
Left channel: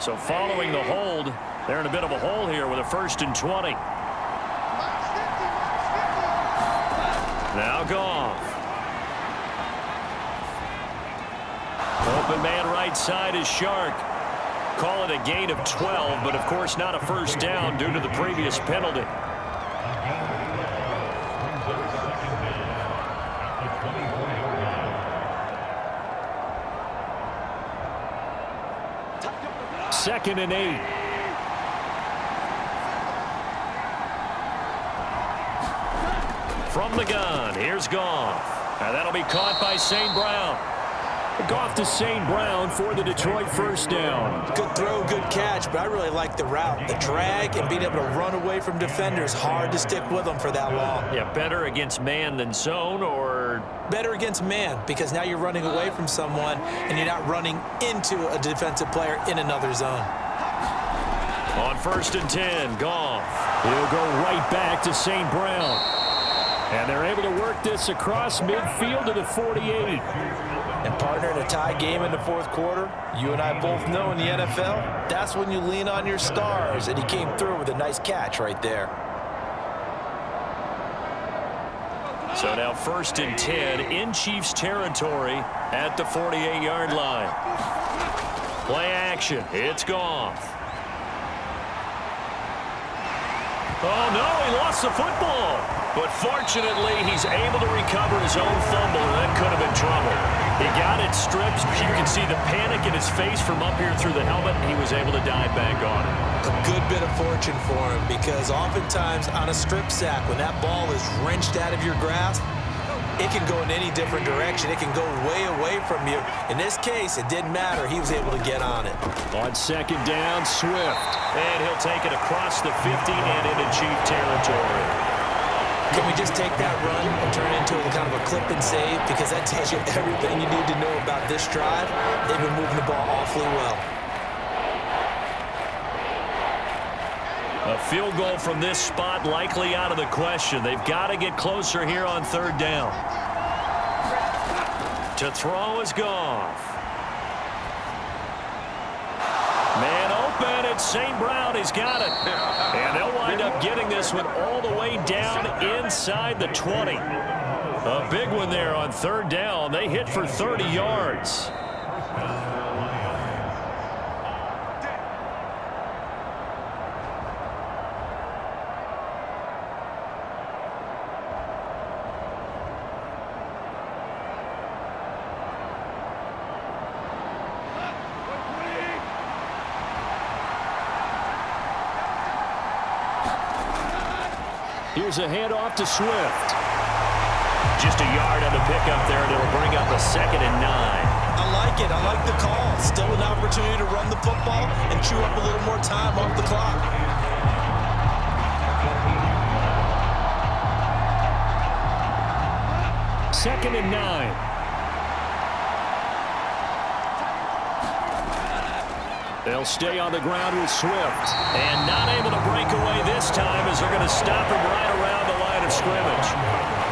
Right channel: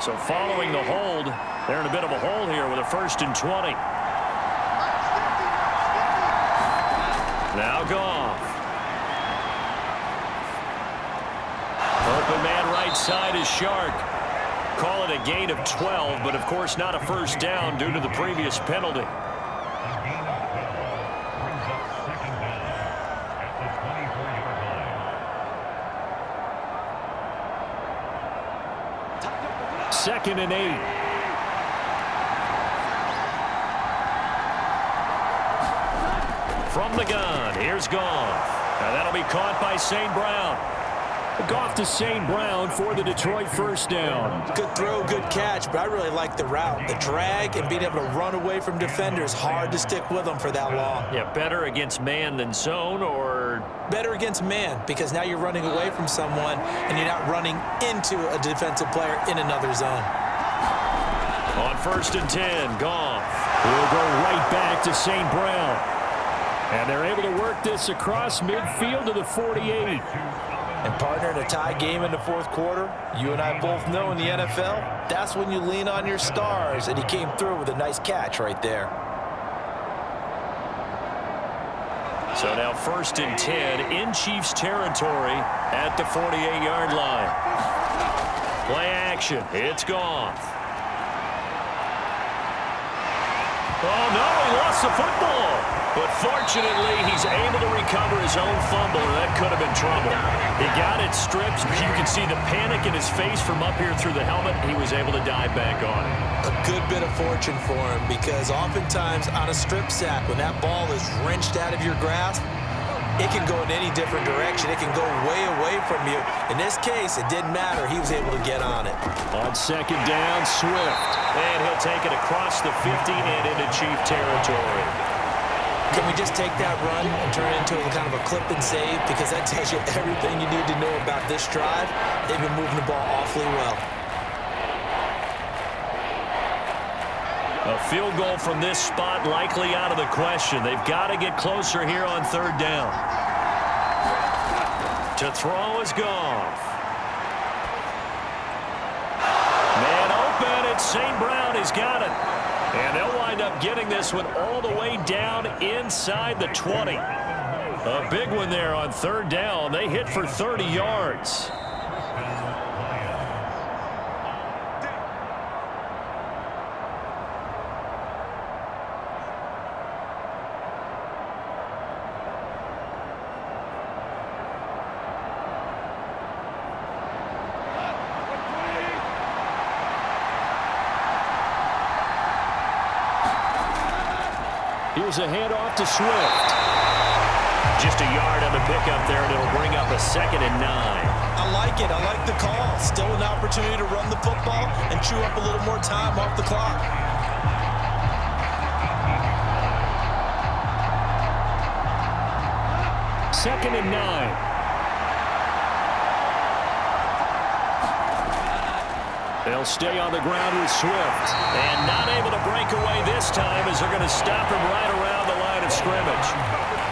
So following the hold, they're in a bit of a hole here with a 1st and 20. Now Goff. Open man right side is Shark. Call it a gain of 12, but of course not a 1st down due to the previous penalty. Second and 8. From the gun, here's Goff. And that'll be caught by St. Brown. Goff to St. Brown for the Detroit 1st down. Good throw, good catch, but I really like the route. The drag and being able to run away from defenders, hard to stick with them for that long. Yeah, better against man than zone, or? Better against man, because now you're running away from someone and you're not running into a defensive player in another zone. On 1st and 10, Goff. He'll go right back to St. Brown. And they're able to work this across midfield to the 48. And partner, in a tie game in the 4th quarter, you and I both know in the NFL, that's when you lean on your stars, and he came through with a nice catch right there. So now 1st and 10 in Chiefs territory at the 48-yard line. Play action. It's Goff. Oh, no, he lost the football. But fortunately, he's able to recover his own fumble, and that could have been trouble. He got it stripped. You can see the panic in his face from up here through the helmet. He was able to dive back on it. A good bit of fortune for him, because oftentimes on a strip sack, when that ball is wrenched out of your grasp, it can go in any different direction. It can go way away from you. In this case, it didn't matter. He was able to get on it. On 2nd down, Swift. And he'll take it across the 50 and into Chief territory. Can we just take that run and turn it into a kind of a clip and save? Because that tells you everything you need to know about this drive. They've been moving the ball awfully well. A field goal from this spot likely out of the question. They've got to get closer here on 3rd down. To throw is Goff. Man open. It's St. Brown. He's got it. And they'll wind up getting this one all the way down inside the 20. A big one there on 3rd down. They hit for 30 yards. Here's a handoff to Swift. Just a yard on the pickup there, and it'll bring up a 2nd and 9. I like it. I like the call. Still an opportunity to run the football and chew up a little more time off the clock. Second and 9. They'll stay on the ground with Swift. And not able to break away this time, as they're going to stop him right around the line of scrimmage.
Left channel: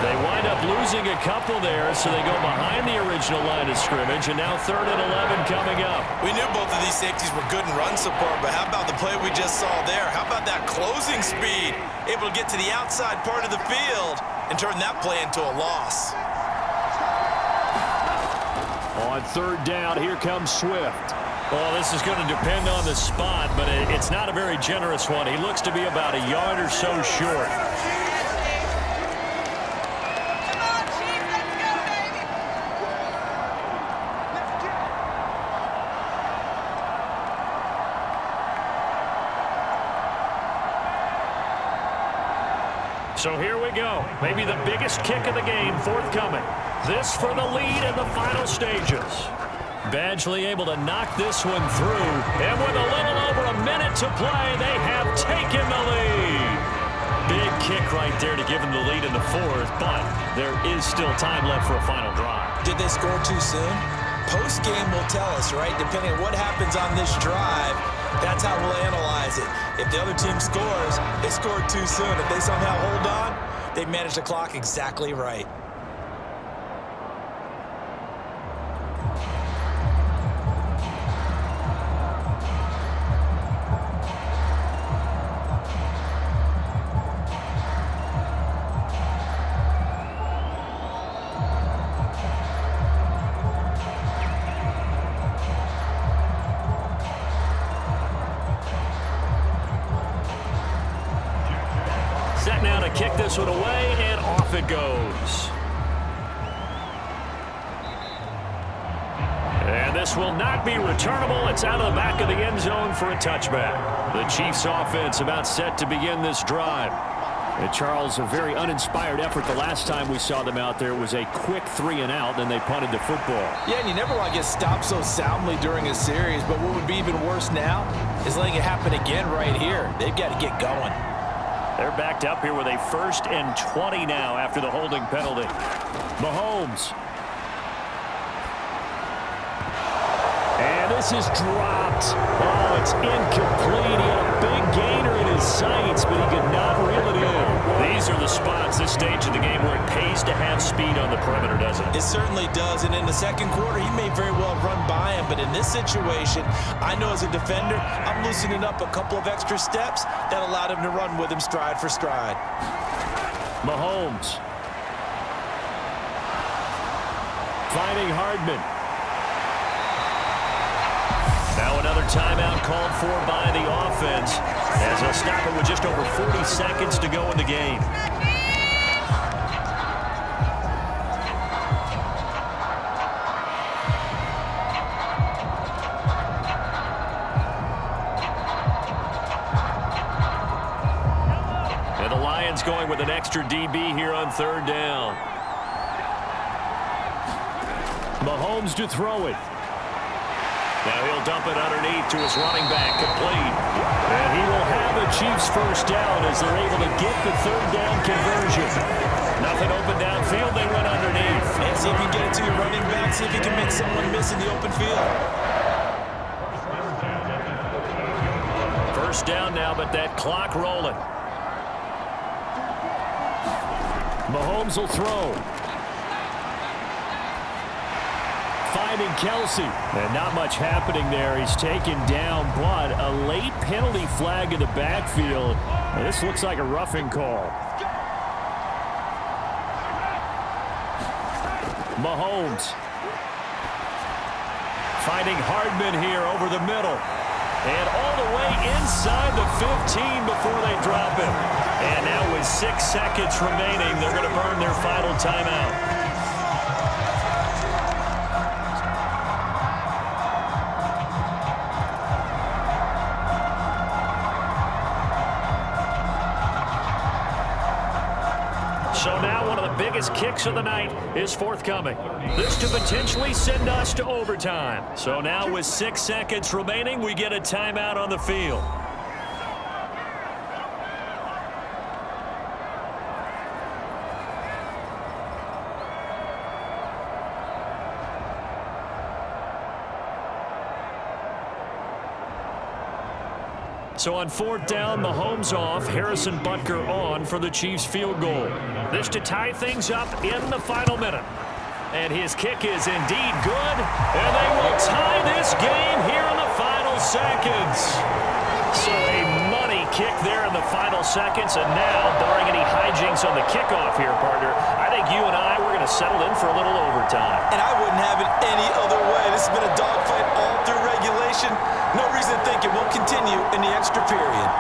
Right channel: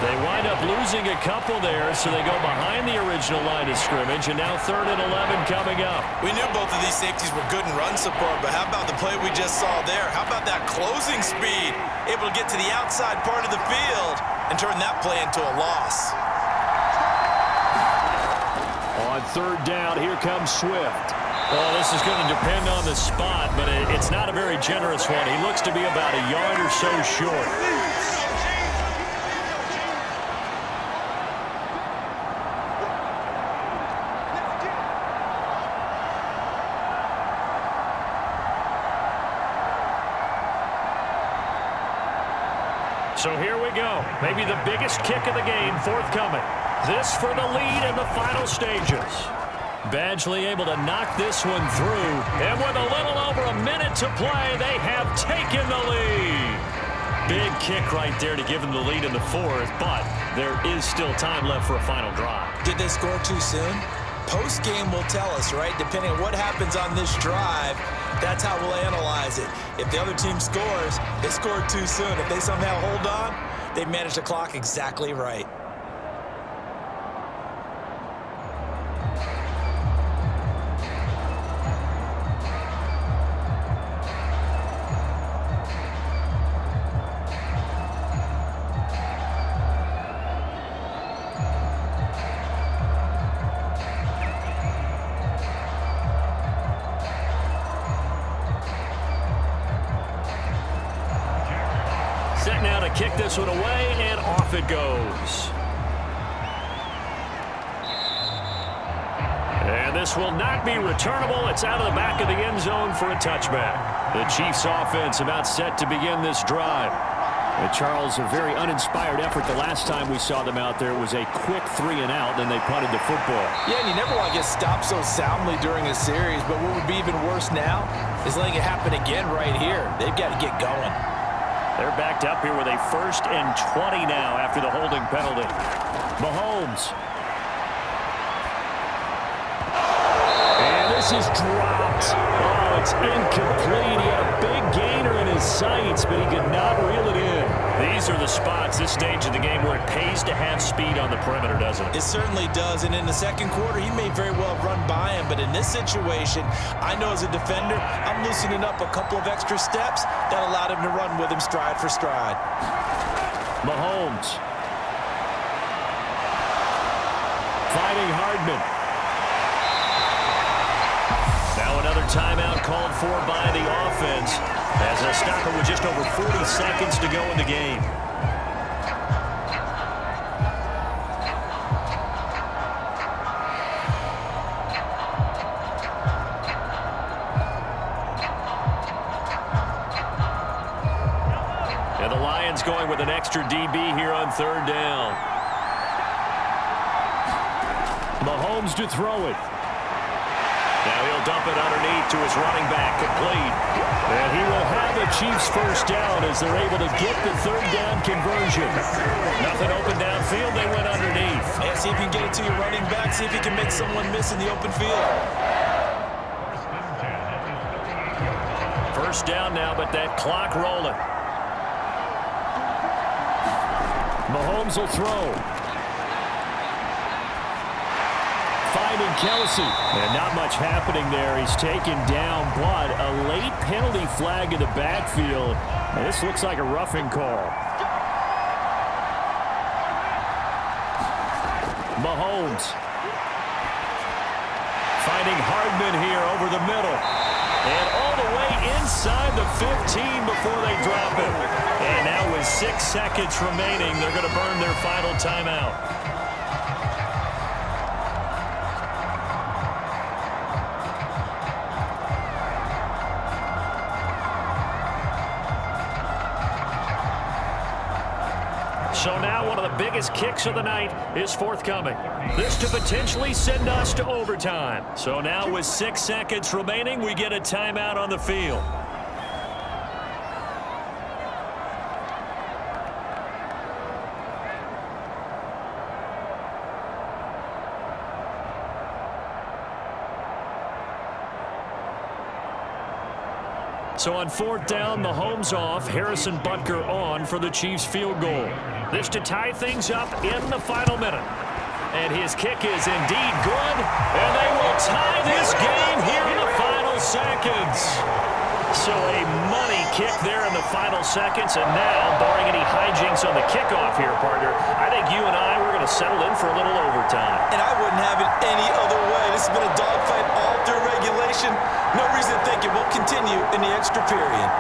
They wind up losing a couple there, so they go behind the original line of scrimmage, and now 3rd and 11 coming up. We knew both of these safeties were good in run support, but how about the play we just saw there? How about that closing speed? Able to get to the outside part of the field and turn that play into a loss. On 3rd down, here comes Swift. Well, this is going to depend on the spot, but it's not a very generous one. He looks to be about a yard or so short. So here we go. Maybe the biggest kick of the game forthcoming. This for the lead in the final stages. Badgley able to knock this one through. And with a little over a minute to play, they have taken the lead. Big kick right there to give them the lead in the 4th, but there is still time left for a final drive. Did they score too soon? Post-game will tell us, right? Depending on what happens on this drive, that's how we'll analyze it. If the other team scores, they scored too soon. If they somehow hold on, they managed the clock exactly right. Set now to kick this one away, and off it goes. And this will not be returnable. It's out of the back of the end zone for a touchback. The Chiefs offense about set to begin this drive. And Charles, a very uninspired effort the last time we saw them out there. It was a quick 3 and out, then they punted the football. Yeah, and you never want to get stopped so soundly during a series, but what would be even worse now is letting it happen again right here. They've got to get going. They're backed up here with a 1st and 20 now after the holding penalty. Mahomes. And this is dropped. Oh, it's incomplete. He had a big gainer in his sights, but he could not reel it in. These are the spots, this stage of the game, where it pays to have speed on the perimeter, doesn't it? It certainly does, and in the second quarter, he may very well run by him, but in this situation, I know as a defender, I'm loosening up a couple of extra steps that allowed him to run with him stride for stride. Mahomes. Finding Hardman. Now another timeout called for by the offense as they'll stop it with just over 40 seconds to go in the game. And the Lions going with an extra DB here on third down. Mahomes to throw it. Now he'll dump it underneath to his running back, complete. And he will have the Chiefs first down as they're able to get the third down conversion. Nothing open downfield, they went underneath. Yeah, see if you can get it to your running back, see if you can make someone miss in the open field. First down now, but that clock rolling. Mahomes will throw. Finding Kelsey. And not much happening there. He's taken down, but a late penalty flag in the backfield. And this looks like a roughing call. Mahomes. Finding Hardman here over the middle. And all the way inside the 15 before they drop him. And now with 6 seconds remaining, they're going to burn their final timeout. So now one of the biggest kicks of the night is forthcoming. This to potentially send us to overtime. So now with 6 seconds remaining, we get a timeout on the field. So on fourth down, Mahomes off, Harrison Butker on for the Chiefs field goal. This to tie things up in the final minute. And his kick is indeed good, and they will tie this game here in the final seconds. So a money kick there in the final seconds, and now, barring any hijinks on the kickoff here, partner, I think you and I, we're going to settle in for a little overtime. And I wouldn't have it any other way. This has been a dogfight all through regulation. No reason to think it won't continue in the extra period.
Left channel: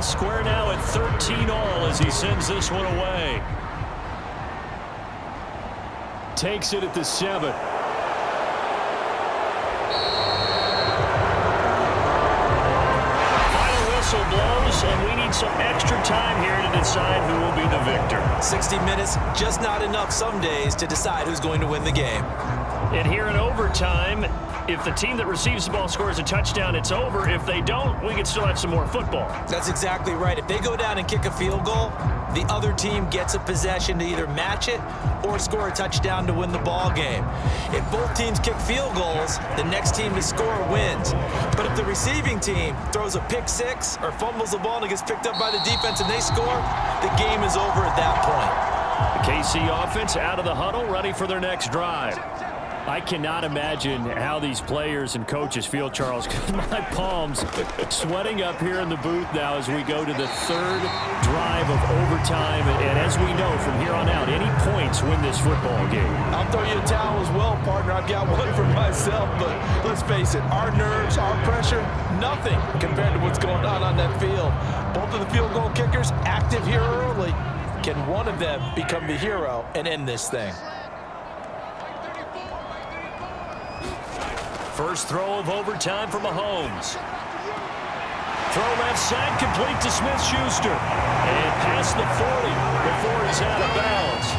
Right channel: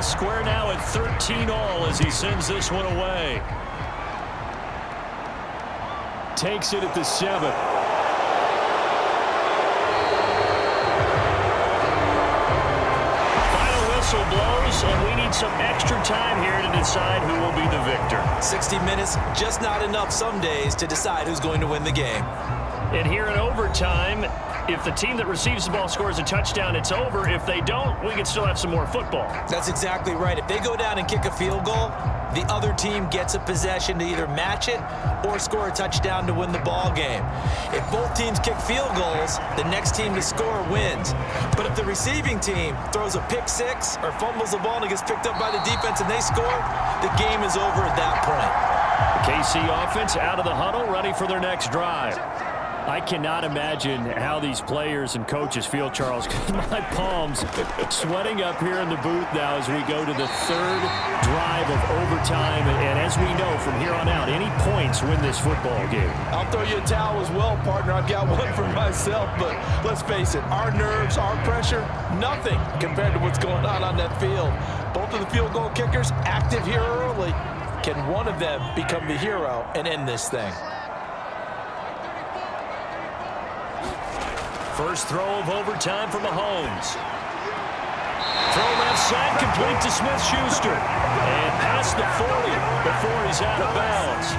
Square now at 13 all as he sends this one away. Takes it at the 7. Final whistle blows, and we need some extra time here to decide who will be the victor. 60 minutes, just not enough some days to decide who's going to win the game. And here in overtime, if the team that receives the ball scores a touchdown, it's over. If they don't, we can still have some more football. That's exactly right. If they go down and kick a field goal, the other team gets a possession to either match it or score a touchdown to win the ball game. If both teams kick field goals, the next team to score wins. But if the receiving team throws a pick six or fumbles the ball and it gets picked up by the defense and they score, the game is over at that point. The KC offense out of the huddle, ready for their next drive. I cannot imagine how these players and coaches feel, Charles. My palms sweating up here in the booth now as we go to the third drive of overtime. And as we know, from here on out, any points win this football game. I'll throw you a towel as well, partner. I've got one for myself, but let's face it, our nerves, our pressure, nothing compared to what's going on that field. Both of the field goal kickers active here early. Can one of them become the hero and end this thing? First throw of overtime for Mahomes. Throw left side, complete to Smith-Schuster. And past the 40 before he's out of bounds.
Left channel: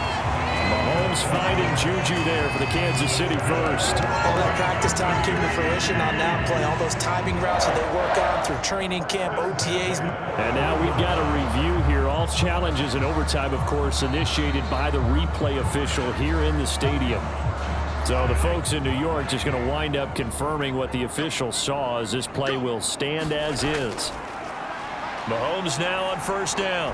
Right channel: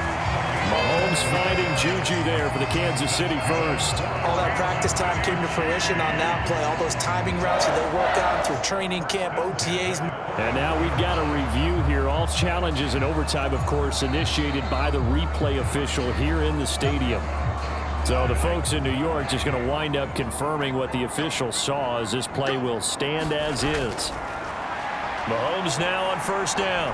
Mahomes finding Juju there for the Kansas City first. All that practice time came to fruition on that play. All those timing routes that they work on through training camp, OTAs. And now we've got a review here. All challenges in overtime, of course, initiated by the replay official here in the stadium. So the folks in New York just going to wind up confirming what the officials saw, as this play will stand as is. Mahomes now on first down.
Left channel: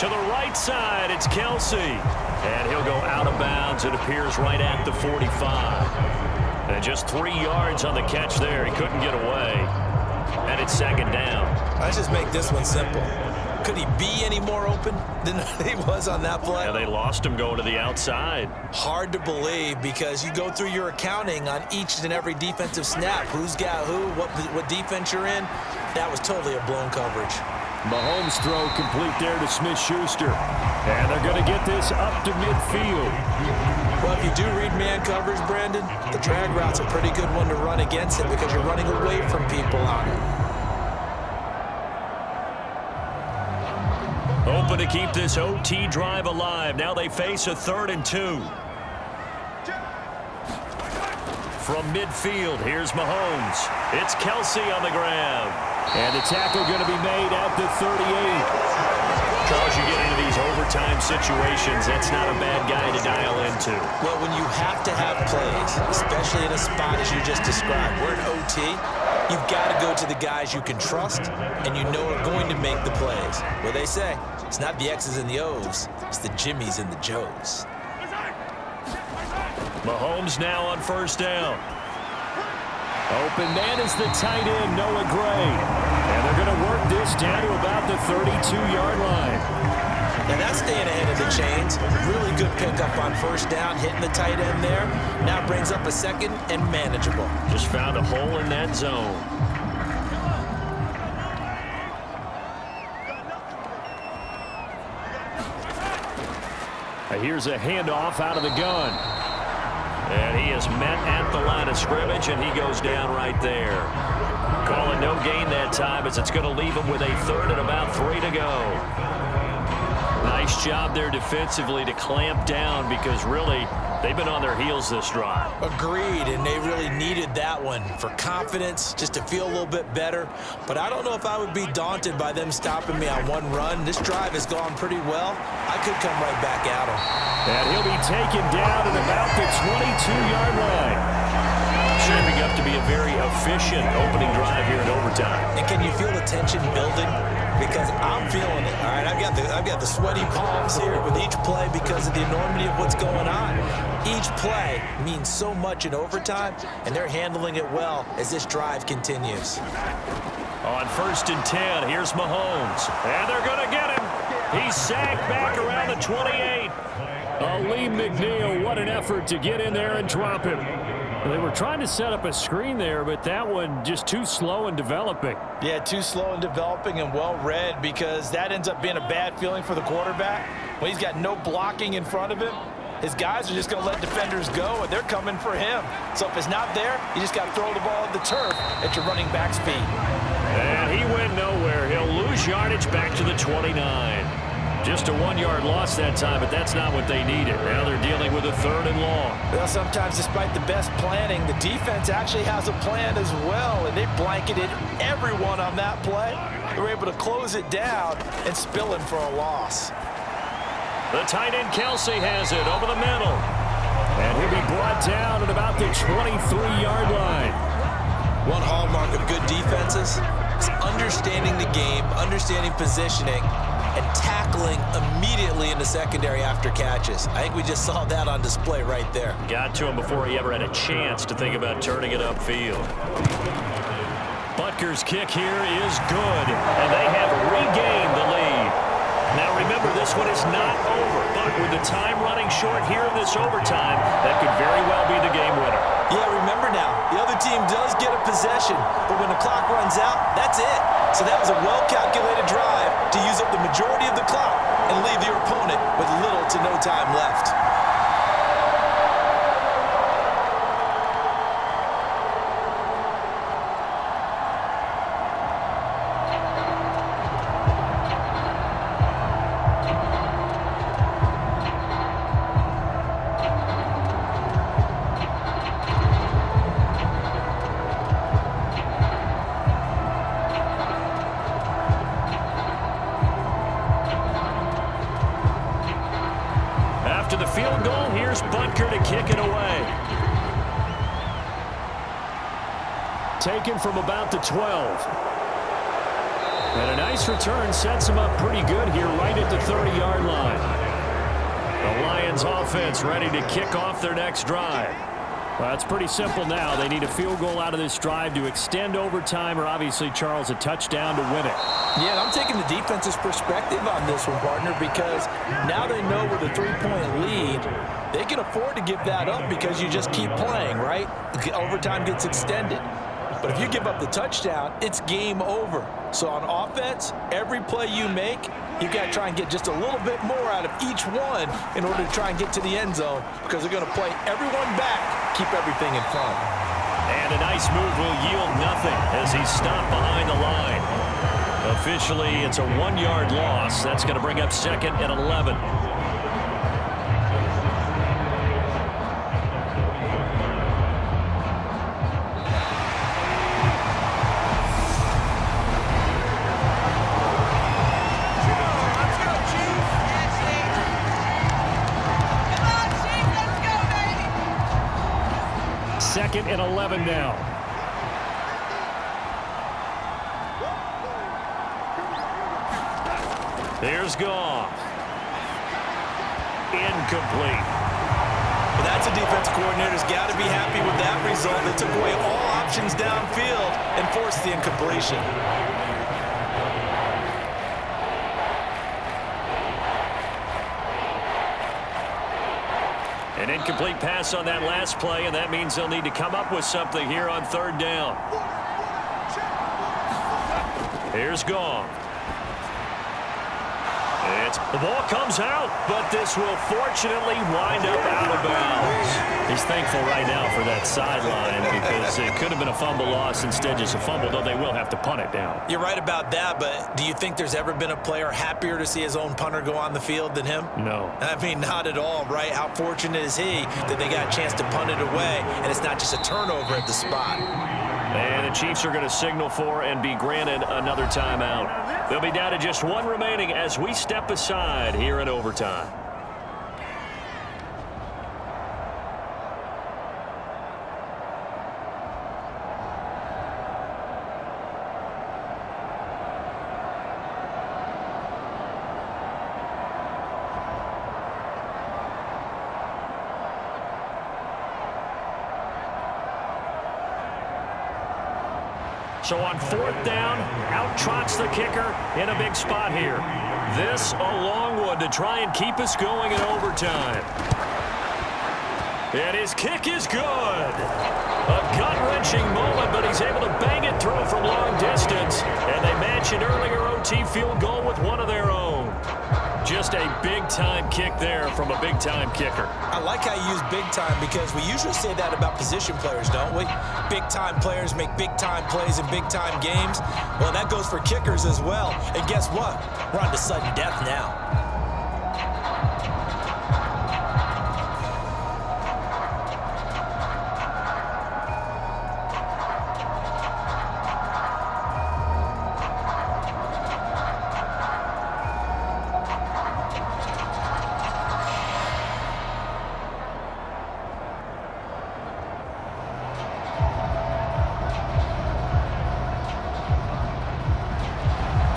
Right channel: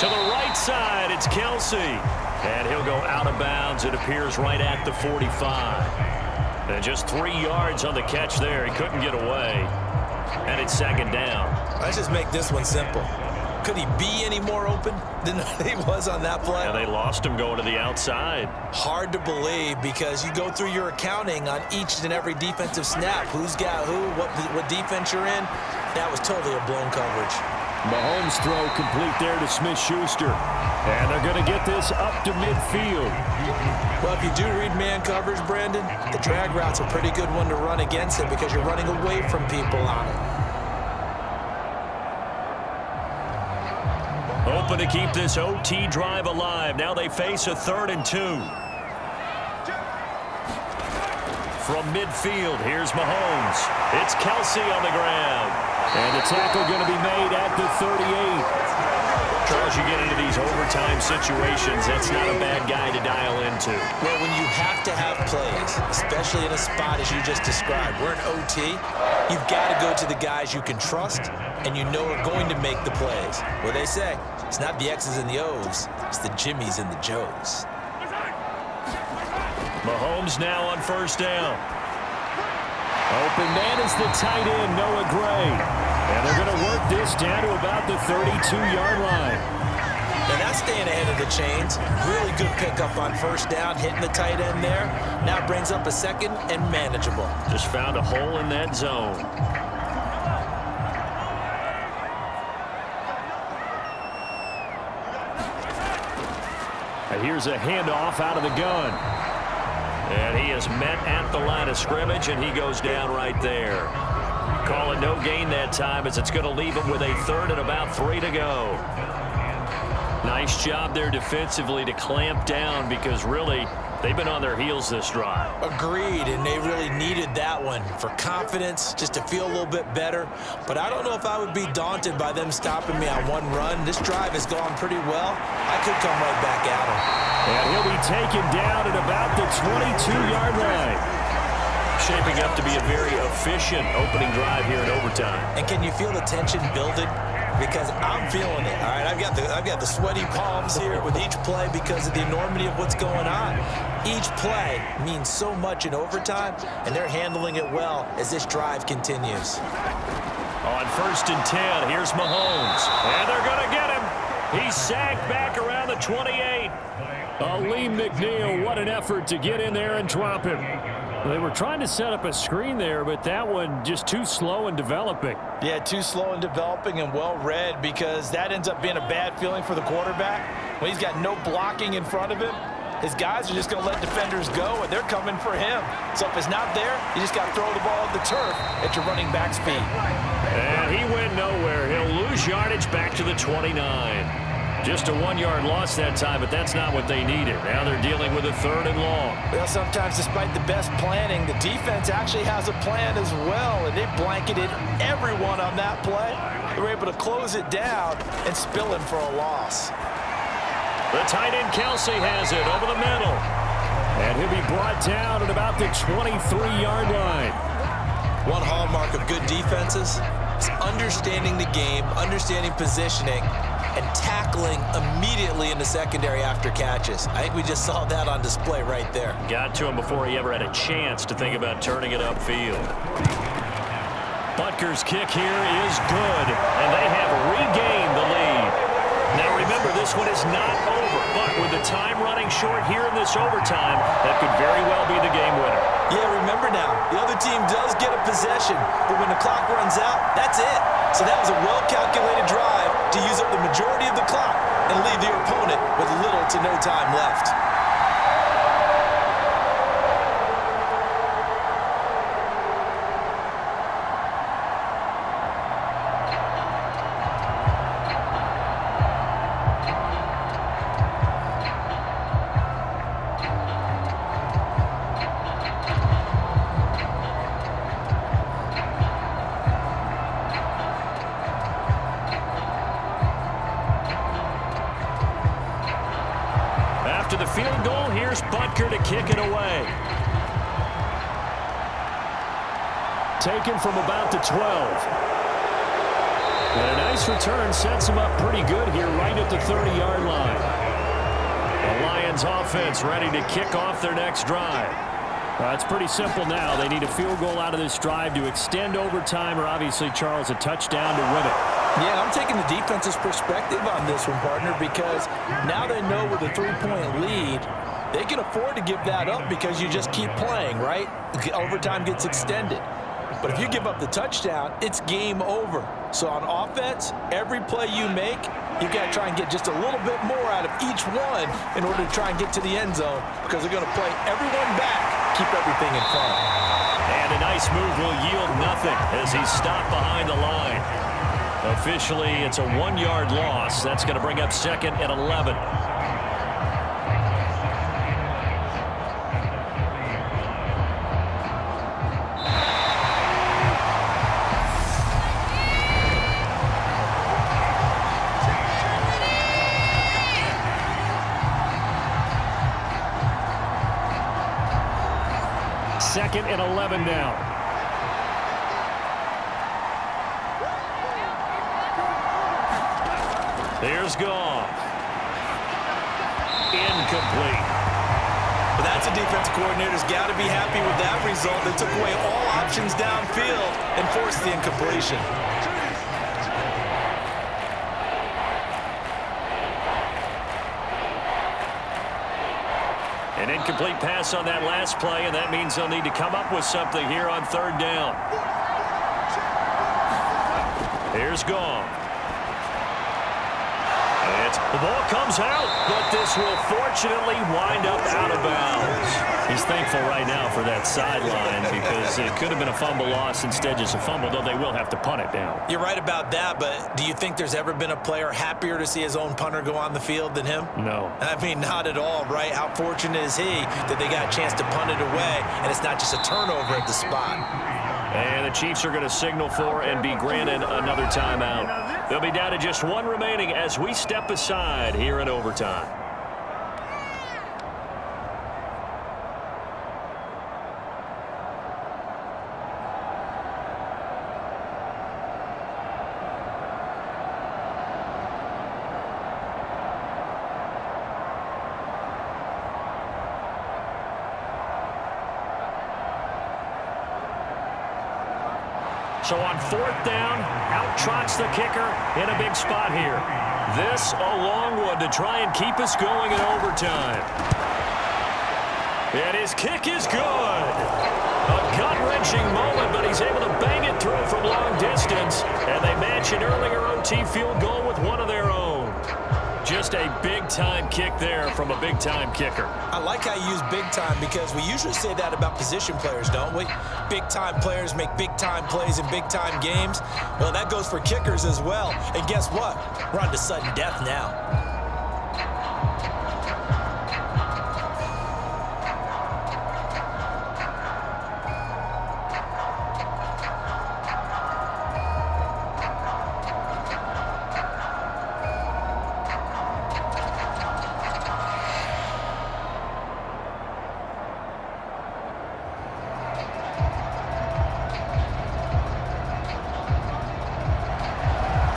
To the right side, it's Kelsey. And he'll go out of bounds, it appears, right at the 45. And just 3 yards on the catch there. He couldn't get away. And it's second down. Let's just make this one simple. Could he be any more open than he was on that play? Yeah, they lost him going to the outside. Hard to believe, because you go through your accounting on each and every defensive snap. Who's got who, what defense you're in. That was totally a blown coverage. Mahomes' throw complete there to Smith-Schuster. And they're going to get this up to midfield. Well, if you do read man coverage, Brandon, the drag route's a pretty good one to run against it, because you're running away from people on it. Open to keep this OT drive alive. Now they face a 3rd and 2. From midfield, here's Mahomes. It's Kelsey on the ground. And the tackle going to be made at the 38. Charles, you get into these overtime situations, that's not a bad guy to dial into. Well, when you have to have plays, especially in a spot as you just described, we're in OT, you've got to go to the guys you can trust and you know are going to make the plays. What they say, it's not the X's and the O's, it's the Jimmys and the Joes. Mahomes now on first down. Open man is the tight end, Noah Gray. And they're going to work this down to about the 32-yard line. Now that's staying ahead of the chains. Really good pickup on first down, hitting the tight end there. Now brings up a second and manageable. Just found a hole in that zone. Here's a handoff out of the gun. And he is met at the line of scrimmage, and he goes down right there. Call it no gain that time, as it's going to leave him with a 3rd and about 3 to go. Nice job there defensively to clamp down, because really they've been on their heels this drive. Agreed, and they really needed that one for confidence, just to feel a little bit better. But I don't know if I would be daunted by them stopping me on one run. This drive has gone pretty well. I could come right back at him. And he'll be taken down at about the 22-yard line. Shaping up to be a very efficient opening drive here in overtime. And can you feel the tension building? Because I'm feeling it. All right, I've got the sweaty palms here with each play because of the enormity of what's going on. Each play means so much in overtime, and they're handling it well as this drive continues. On 1st and 10, here's Mahomes. And they're going to get him. He's sacked back around the 28. Lee McNeil, what an effort to get in there and drop him. They were trying to set up a screen there, but that one just too slow in developing. Yeah, too slow in developing and well read, because that ends up being a bad feeling for the quarterback. When he's got no blocking in front of him, his guys are just going to let defenders go, and they're coming for him. So if it's not there, you just got to throw the ball at the turf at your running back speed. And he went nowhere. He'll lose yardage back to the 29. Just a 1-yard loss that time, but that's not what they needed. Now they're dealing with a 3rd and long. Well, sometimes despite the best planning, the defense actually has a plan as well, and they blanketed everyone on that play. They were able to close it down and spill him for a loss. The tight end Kelsey has it over the middle. And he'll be brought down at about the 23-yard line. One hallmark of good defenses is understanding the game, understanding positioning, and tackling immediately in the secondary after catches. I think we just saw that on display right there. Got to him before he ever had a chance to think about turning it upfield. Butker's kick here is good, and they have regained the lead. Now remember, this one is not over, but with the time running short here in this overtime, that could very well be the game winner. Yeah, remember now, the other team does get a possession, but when the clock runs out, that's it. So that was a well-calculated drive to use up the majority of the clock and leave your opponent with little to no time left. After the field goal, here's Butker to kick it away. Taken from about the 12. And a nice return sets him up pretty good here right at the 30-yard line. The Lions offense ready to kick off their next drive. Well, it's pretty simple now. They need a field goal out of this drive to extend overtime or obviously, Charles, a touchdown to win it. Yeah, and I'm taking the defense's perspective on this one, partner, because now they know with a 3-point lead, they can afford to give that up because you just keep playing, right? Overtime gets extended. But if you give up the touchdown, it's game over. So on offense, every play you make, you've got to try and get just a little bit more out of each one in order to try and get to the end zone because they're going to play everyone back, keep everything in front. And a nice move will yield nothing as he's stopped behind the line. Officially, it's a 1-yard loss. That's going to bring up 2nd and 11. Second and 11 now. Here's Goff. Incomplete. Well, that's a defense coordinator's got to be happy with that result. They took away all options downfield and forced the incompletion. An incomplete pass on that last play, and that means they'll need to come up with something here on 3rd down. Here's Goff. The ball comes out, but this will fortunately wind up out of bounds. He's thankful right now for that sideline because it could have been a fumble loss, instead just a fumble, though they will have to punt it down. You're right about that, but do you think there's ever been a player happier to see his own punter go on the field than him? No. I mean, not at all, right? How fortunate is he that they got a chance to punt it away, and it's not just a turnover at the spot. And the Chiefs are going to signal for and be granted another timeout. They'll be down to just 1 remaining as we step aside here in overtime. So on 4th down, out trots the kicker in a big spot here. This a long one to try and keep us going in overtime. And his kick is good. A gut-wrenching moment, but he's able to bang it through from long distance. And they match an earlier OT field goal with one of their own. Just a big-time kick there from a big-time kicker. I like how you use big-time because we usually say that about position players, don't we? Big-time players make big-time plays in big-time games. Well, that goes for kickers as well. And guess what? We're on to sudden death now.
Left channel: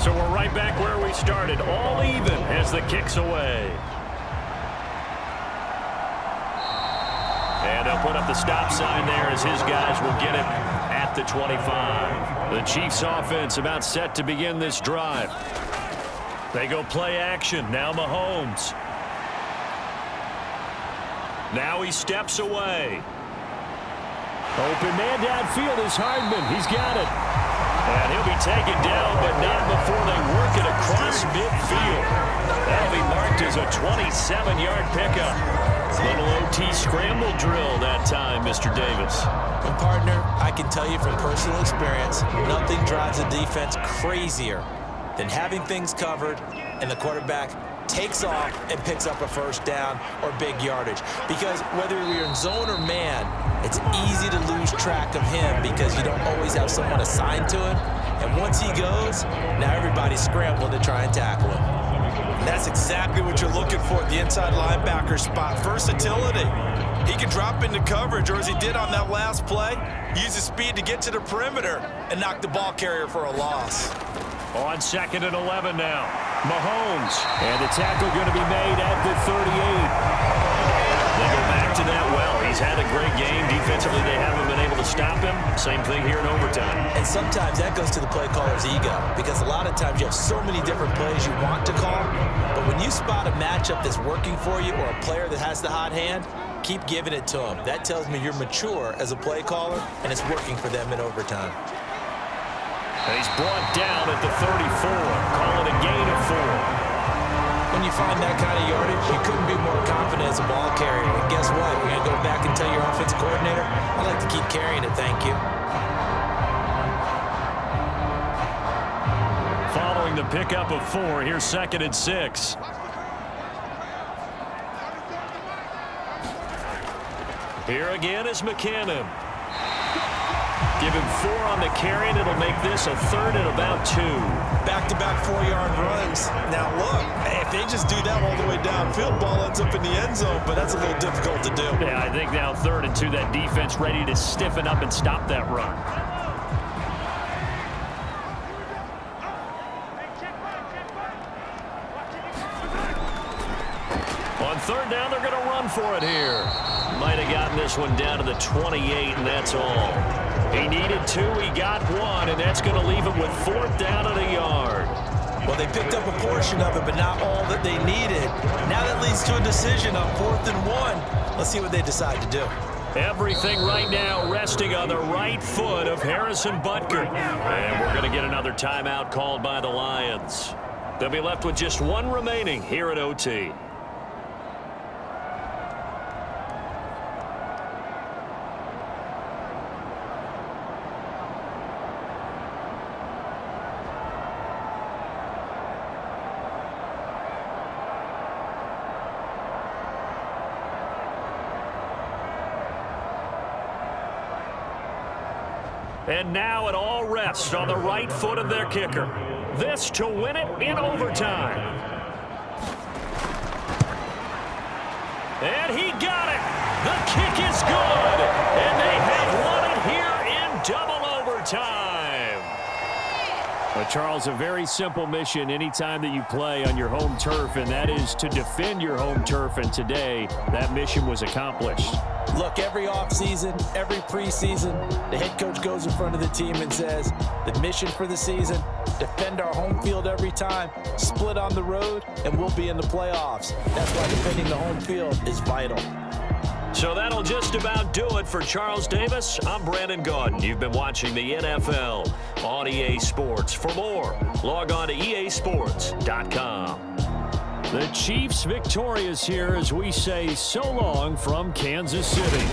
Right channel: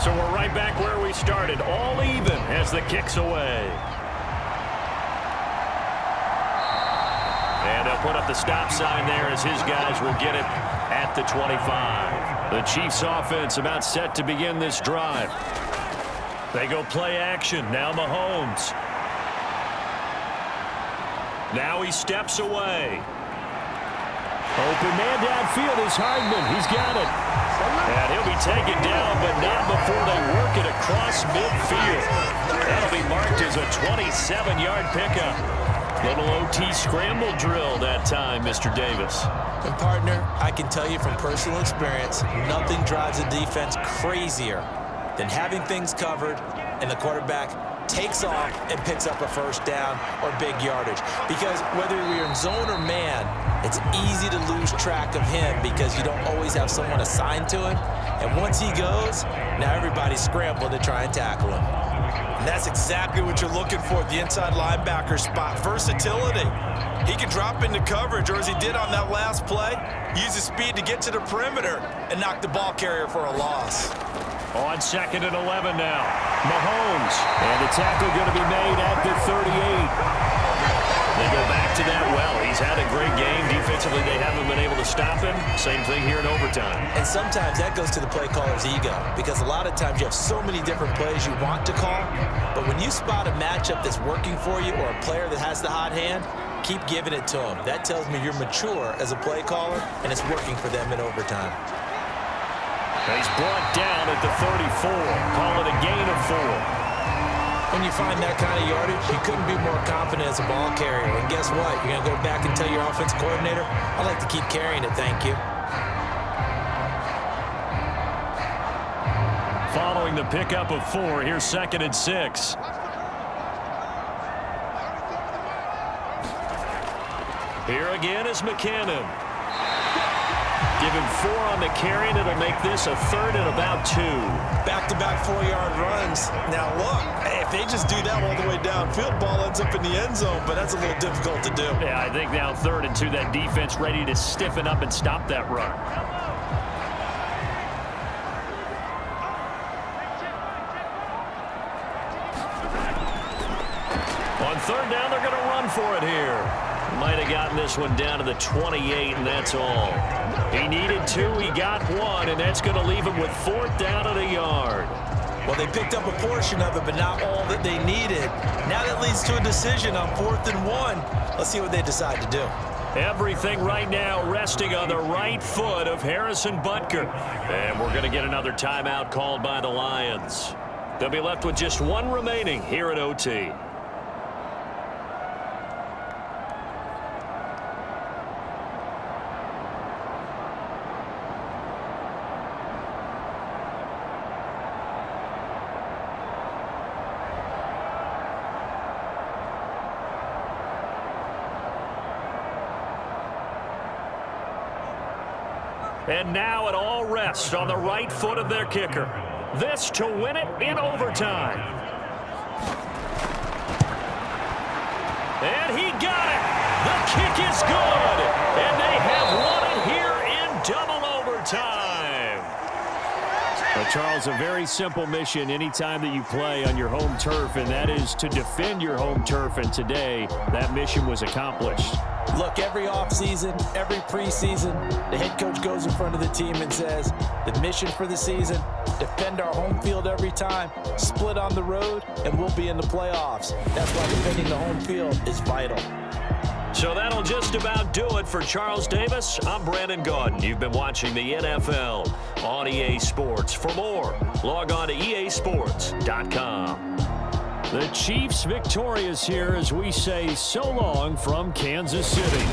So we're right back where we started, all even as the kick's away. And they'll put up the stop sign there as his guys will get it at the 25. The Chiefs offense about set to begin this drive. They go play action. Now Mahomes. Now he steps away. Open man downfield is Hardman. He's got it. And he'll be taken down, but not before they work it across midfield. That'll be marked as a 27-yard pickup. Little OT scramble drill that time, Mr. Davis. And partner, I can tell you from personal experience, nothing drives a defense crazier than having things covered and the quarterback takes off and picks up a 1st down or big yardage. Because whether you're in zone or man, it's easy to lose track of him because you don't always have someone assigned to him. And once he goes, now everybody's scrambling to try and tackle him. That's exactly what you're looking for at the inside linebacker spot. Versatility. He can drop into coverage, or as he did on that last play, use his speed to get to the perimeter and knock the ball carrier for a loss. On 2nd and 11 now. Mahomes. And the tackle going to be made at the 38. They go back to that well. He's had a great game. Defensively, they haven't been able to stop him. Same thing here in overtime. And sometimes that goes to the play caller's ego, because a lot of times you have so many different plays you want to call, but when you spot a matchup that's working for you or a player that has the hot hand, keep giving it to him. That tells me you're mature as a play caller, and it's working for them in overtime. And he's brought down at the 34. Call it a gain of 4. When you find that kind of yardage, you couldn't be more confident as a ball carrier. And guess what? You're going to go back and tell your offensive coordinator, I'd like to keep carrying it, thank you. Following the pickup of 4, here's 2nd and 6. Here again is McKinnon. Give him 4 on the carry, and it'll make this a 3rd and about 2. Back-to-back 4-yard runs. Now, look, if they just do that all the way downfield, ball ends up in the end zone, but that's a little difficult to do. Yeah, I think now 3rd and 2, that defense ready to stiffen up and stop that run. On 3rd down, they're going to run for it here. Might have gotten this one down to the 28, and that's all. He needed 2, he got 1, and that's going to leave him with 4th down at a yard. Well, they picked up a portion of it, but not all that they needed. Now that leads to a decision on 4th and 1. Let's see what they decide to do. Everything right now resting on the right foot of Harrison Butker. And we're going to get another timeout called by the Lions. They'll be left with just 1 remaining here at OT. And now it all rests on the right foot of their kicker. This to win it in overtime. And he got it. The kick is good. And they have won it here in double overtime. But Charles, a very simple mission anytime that you play on your home turf, and that is to defend your home turf. And today, that mission was accomplished. Look, every offseason, every preseason, the head coach goes in front of the team and says, the mission for the season, defend our home field every time, split on the road, and we'll be in the playoffs. That's why defending the home field is vital. So that'll just about do it for Charles Davis. I'm Brandon Gaudin. You've been watching the NFL on EA Sports. For more, log on to easports.com. The Chiefs victorious here as we say so long from Kansas City.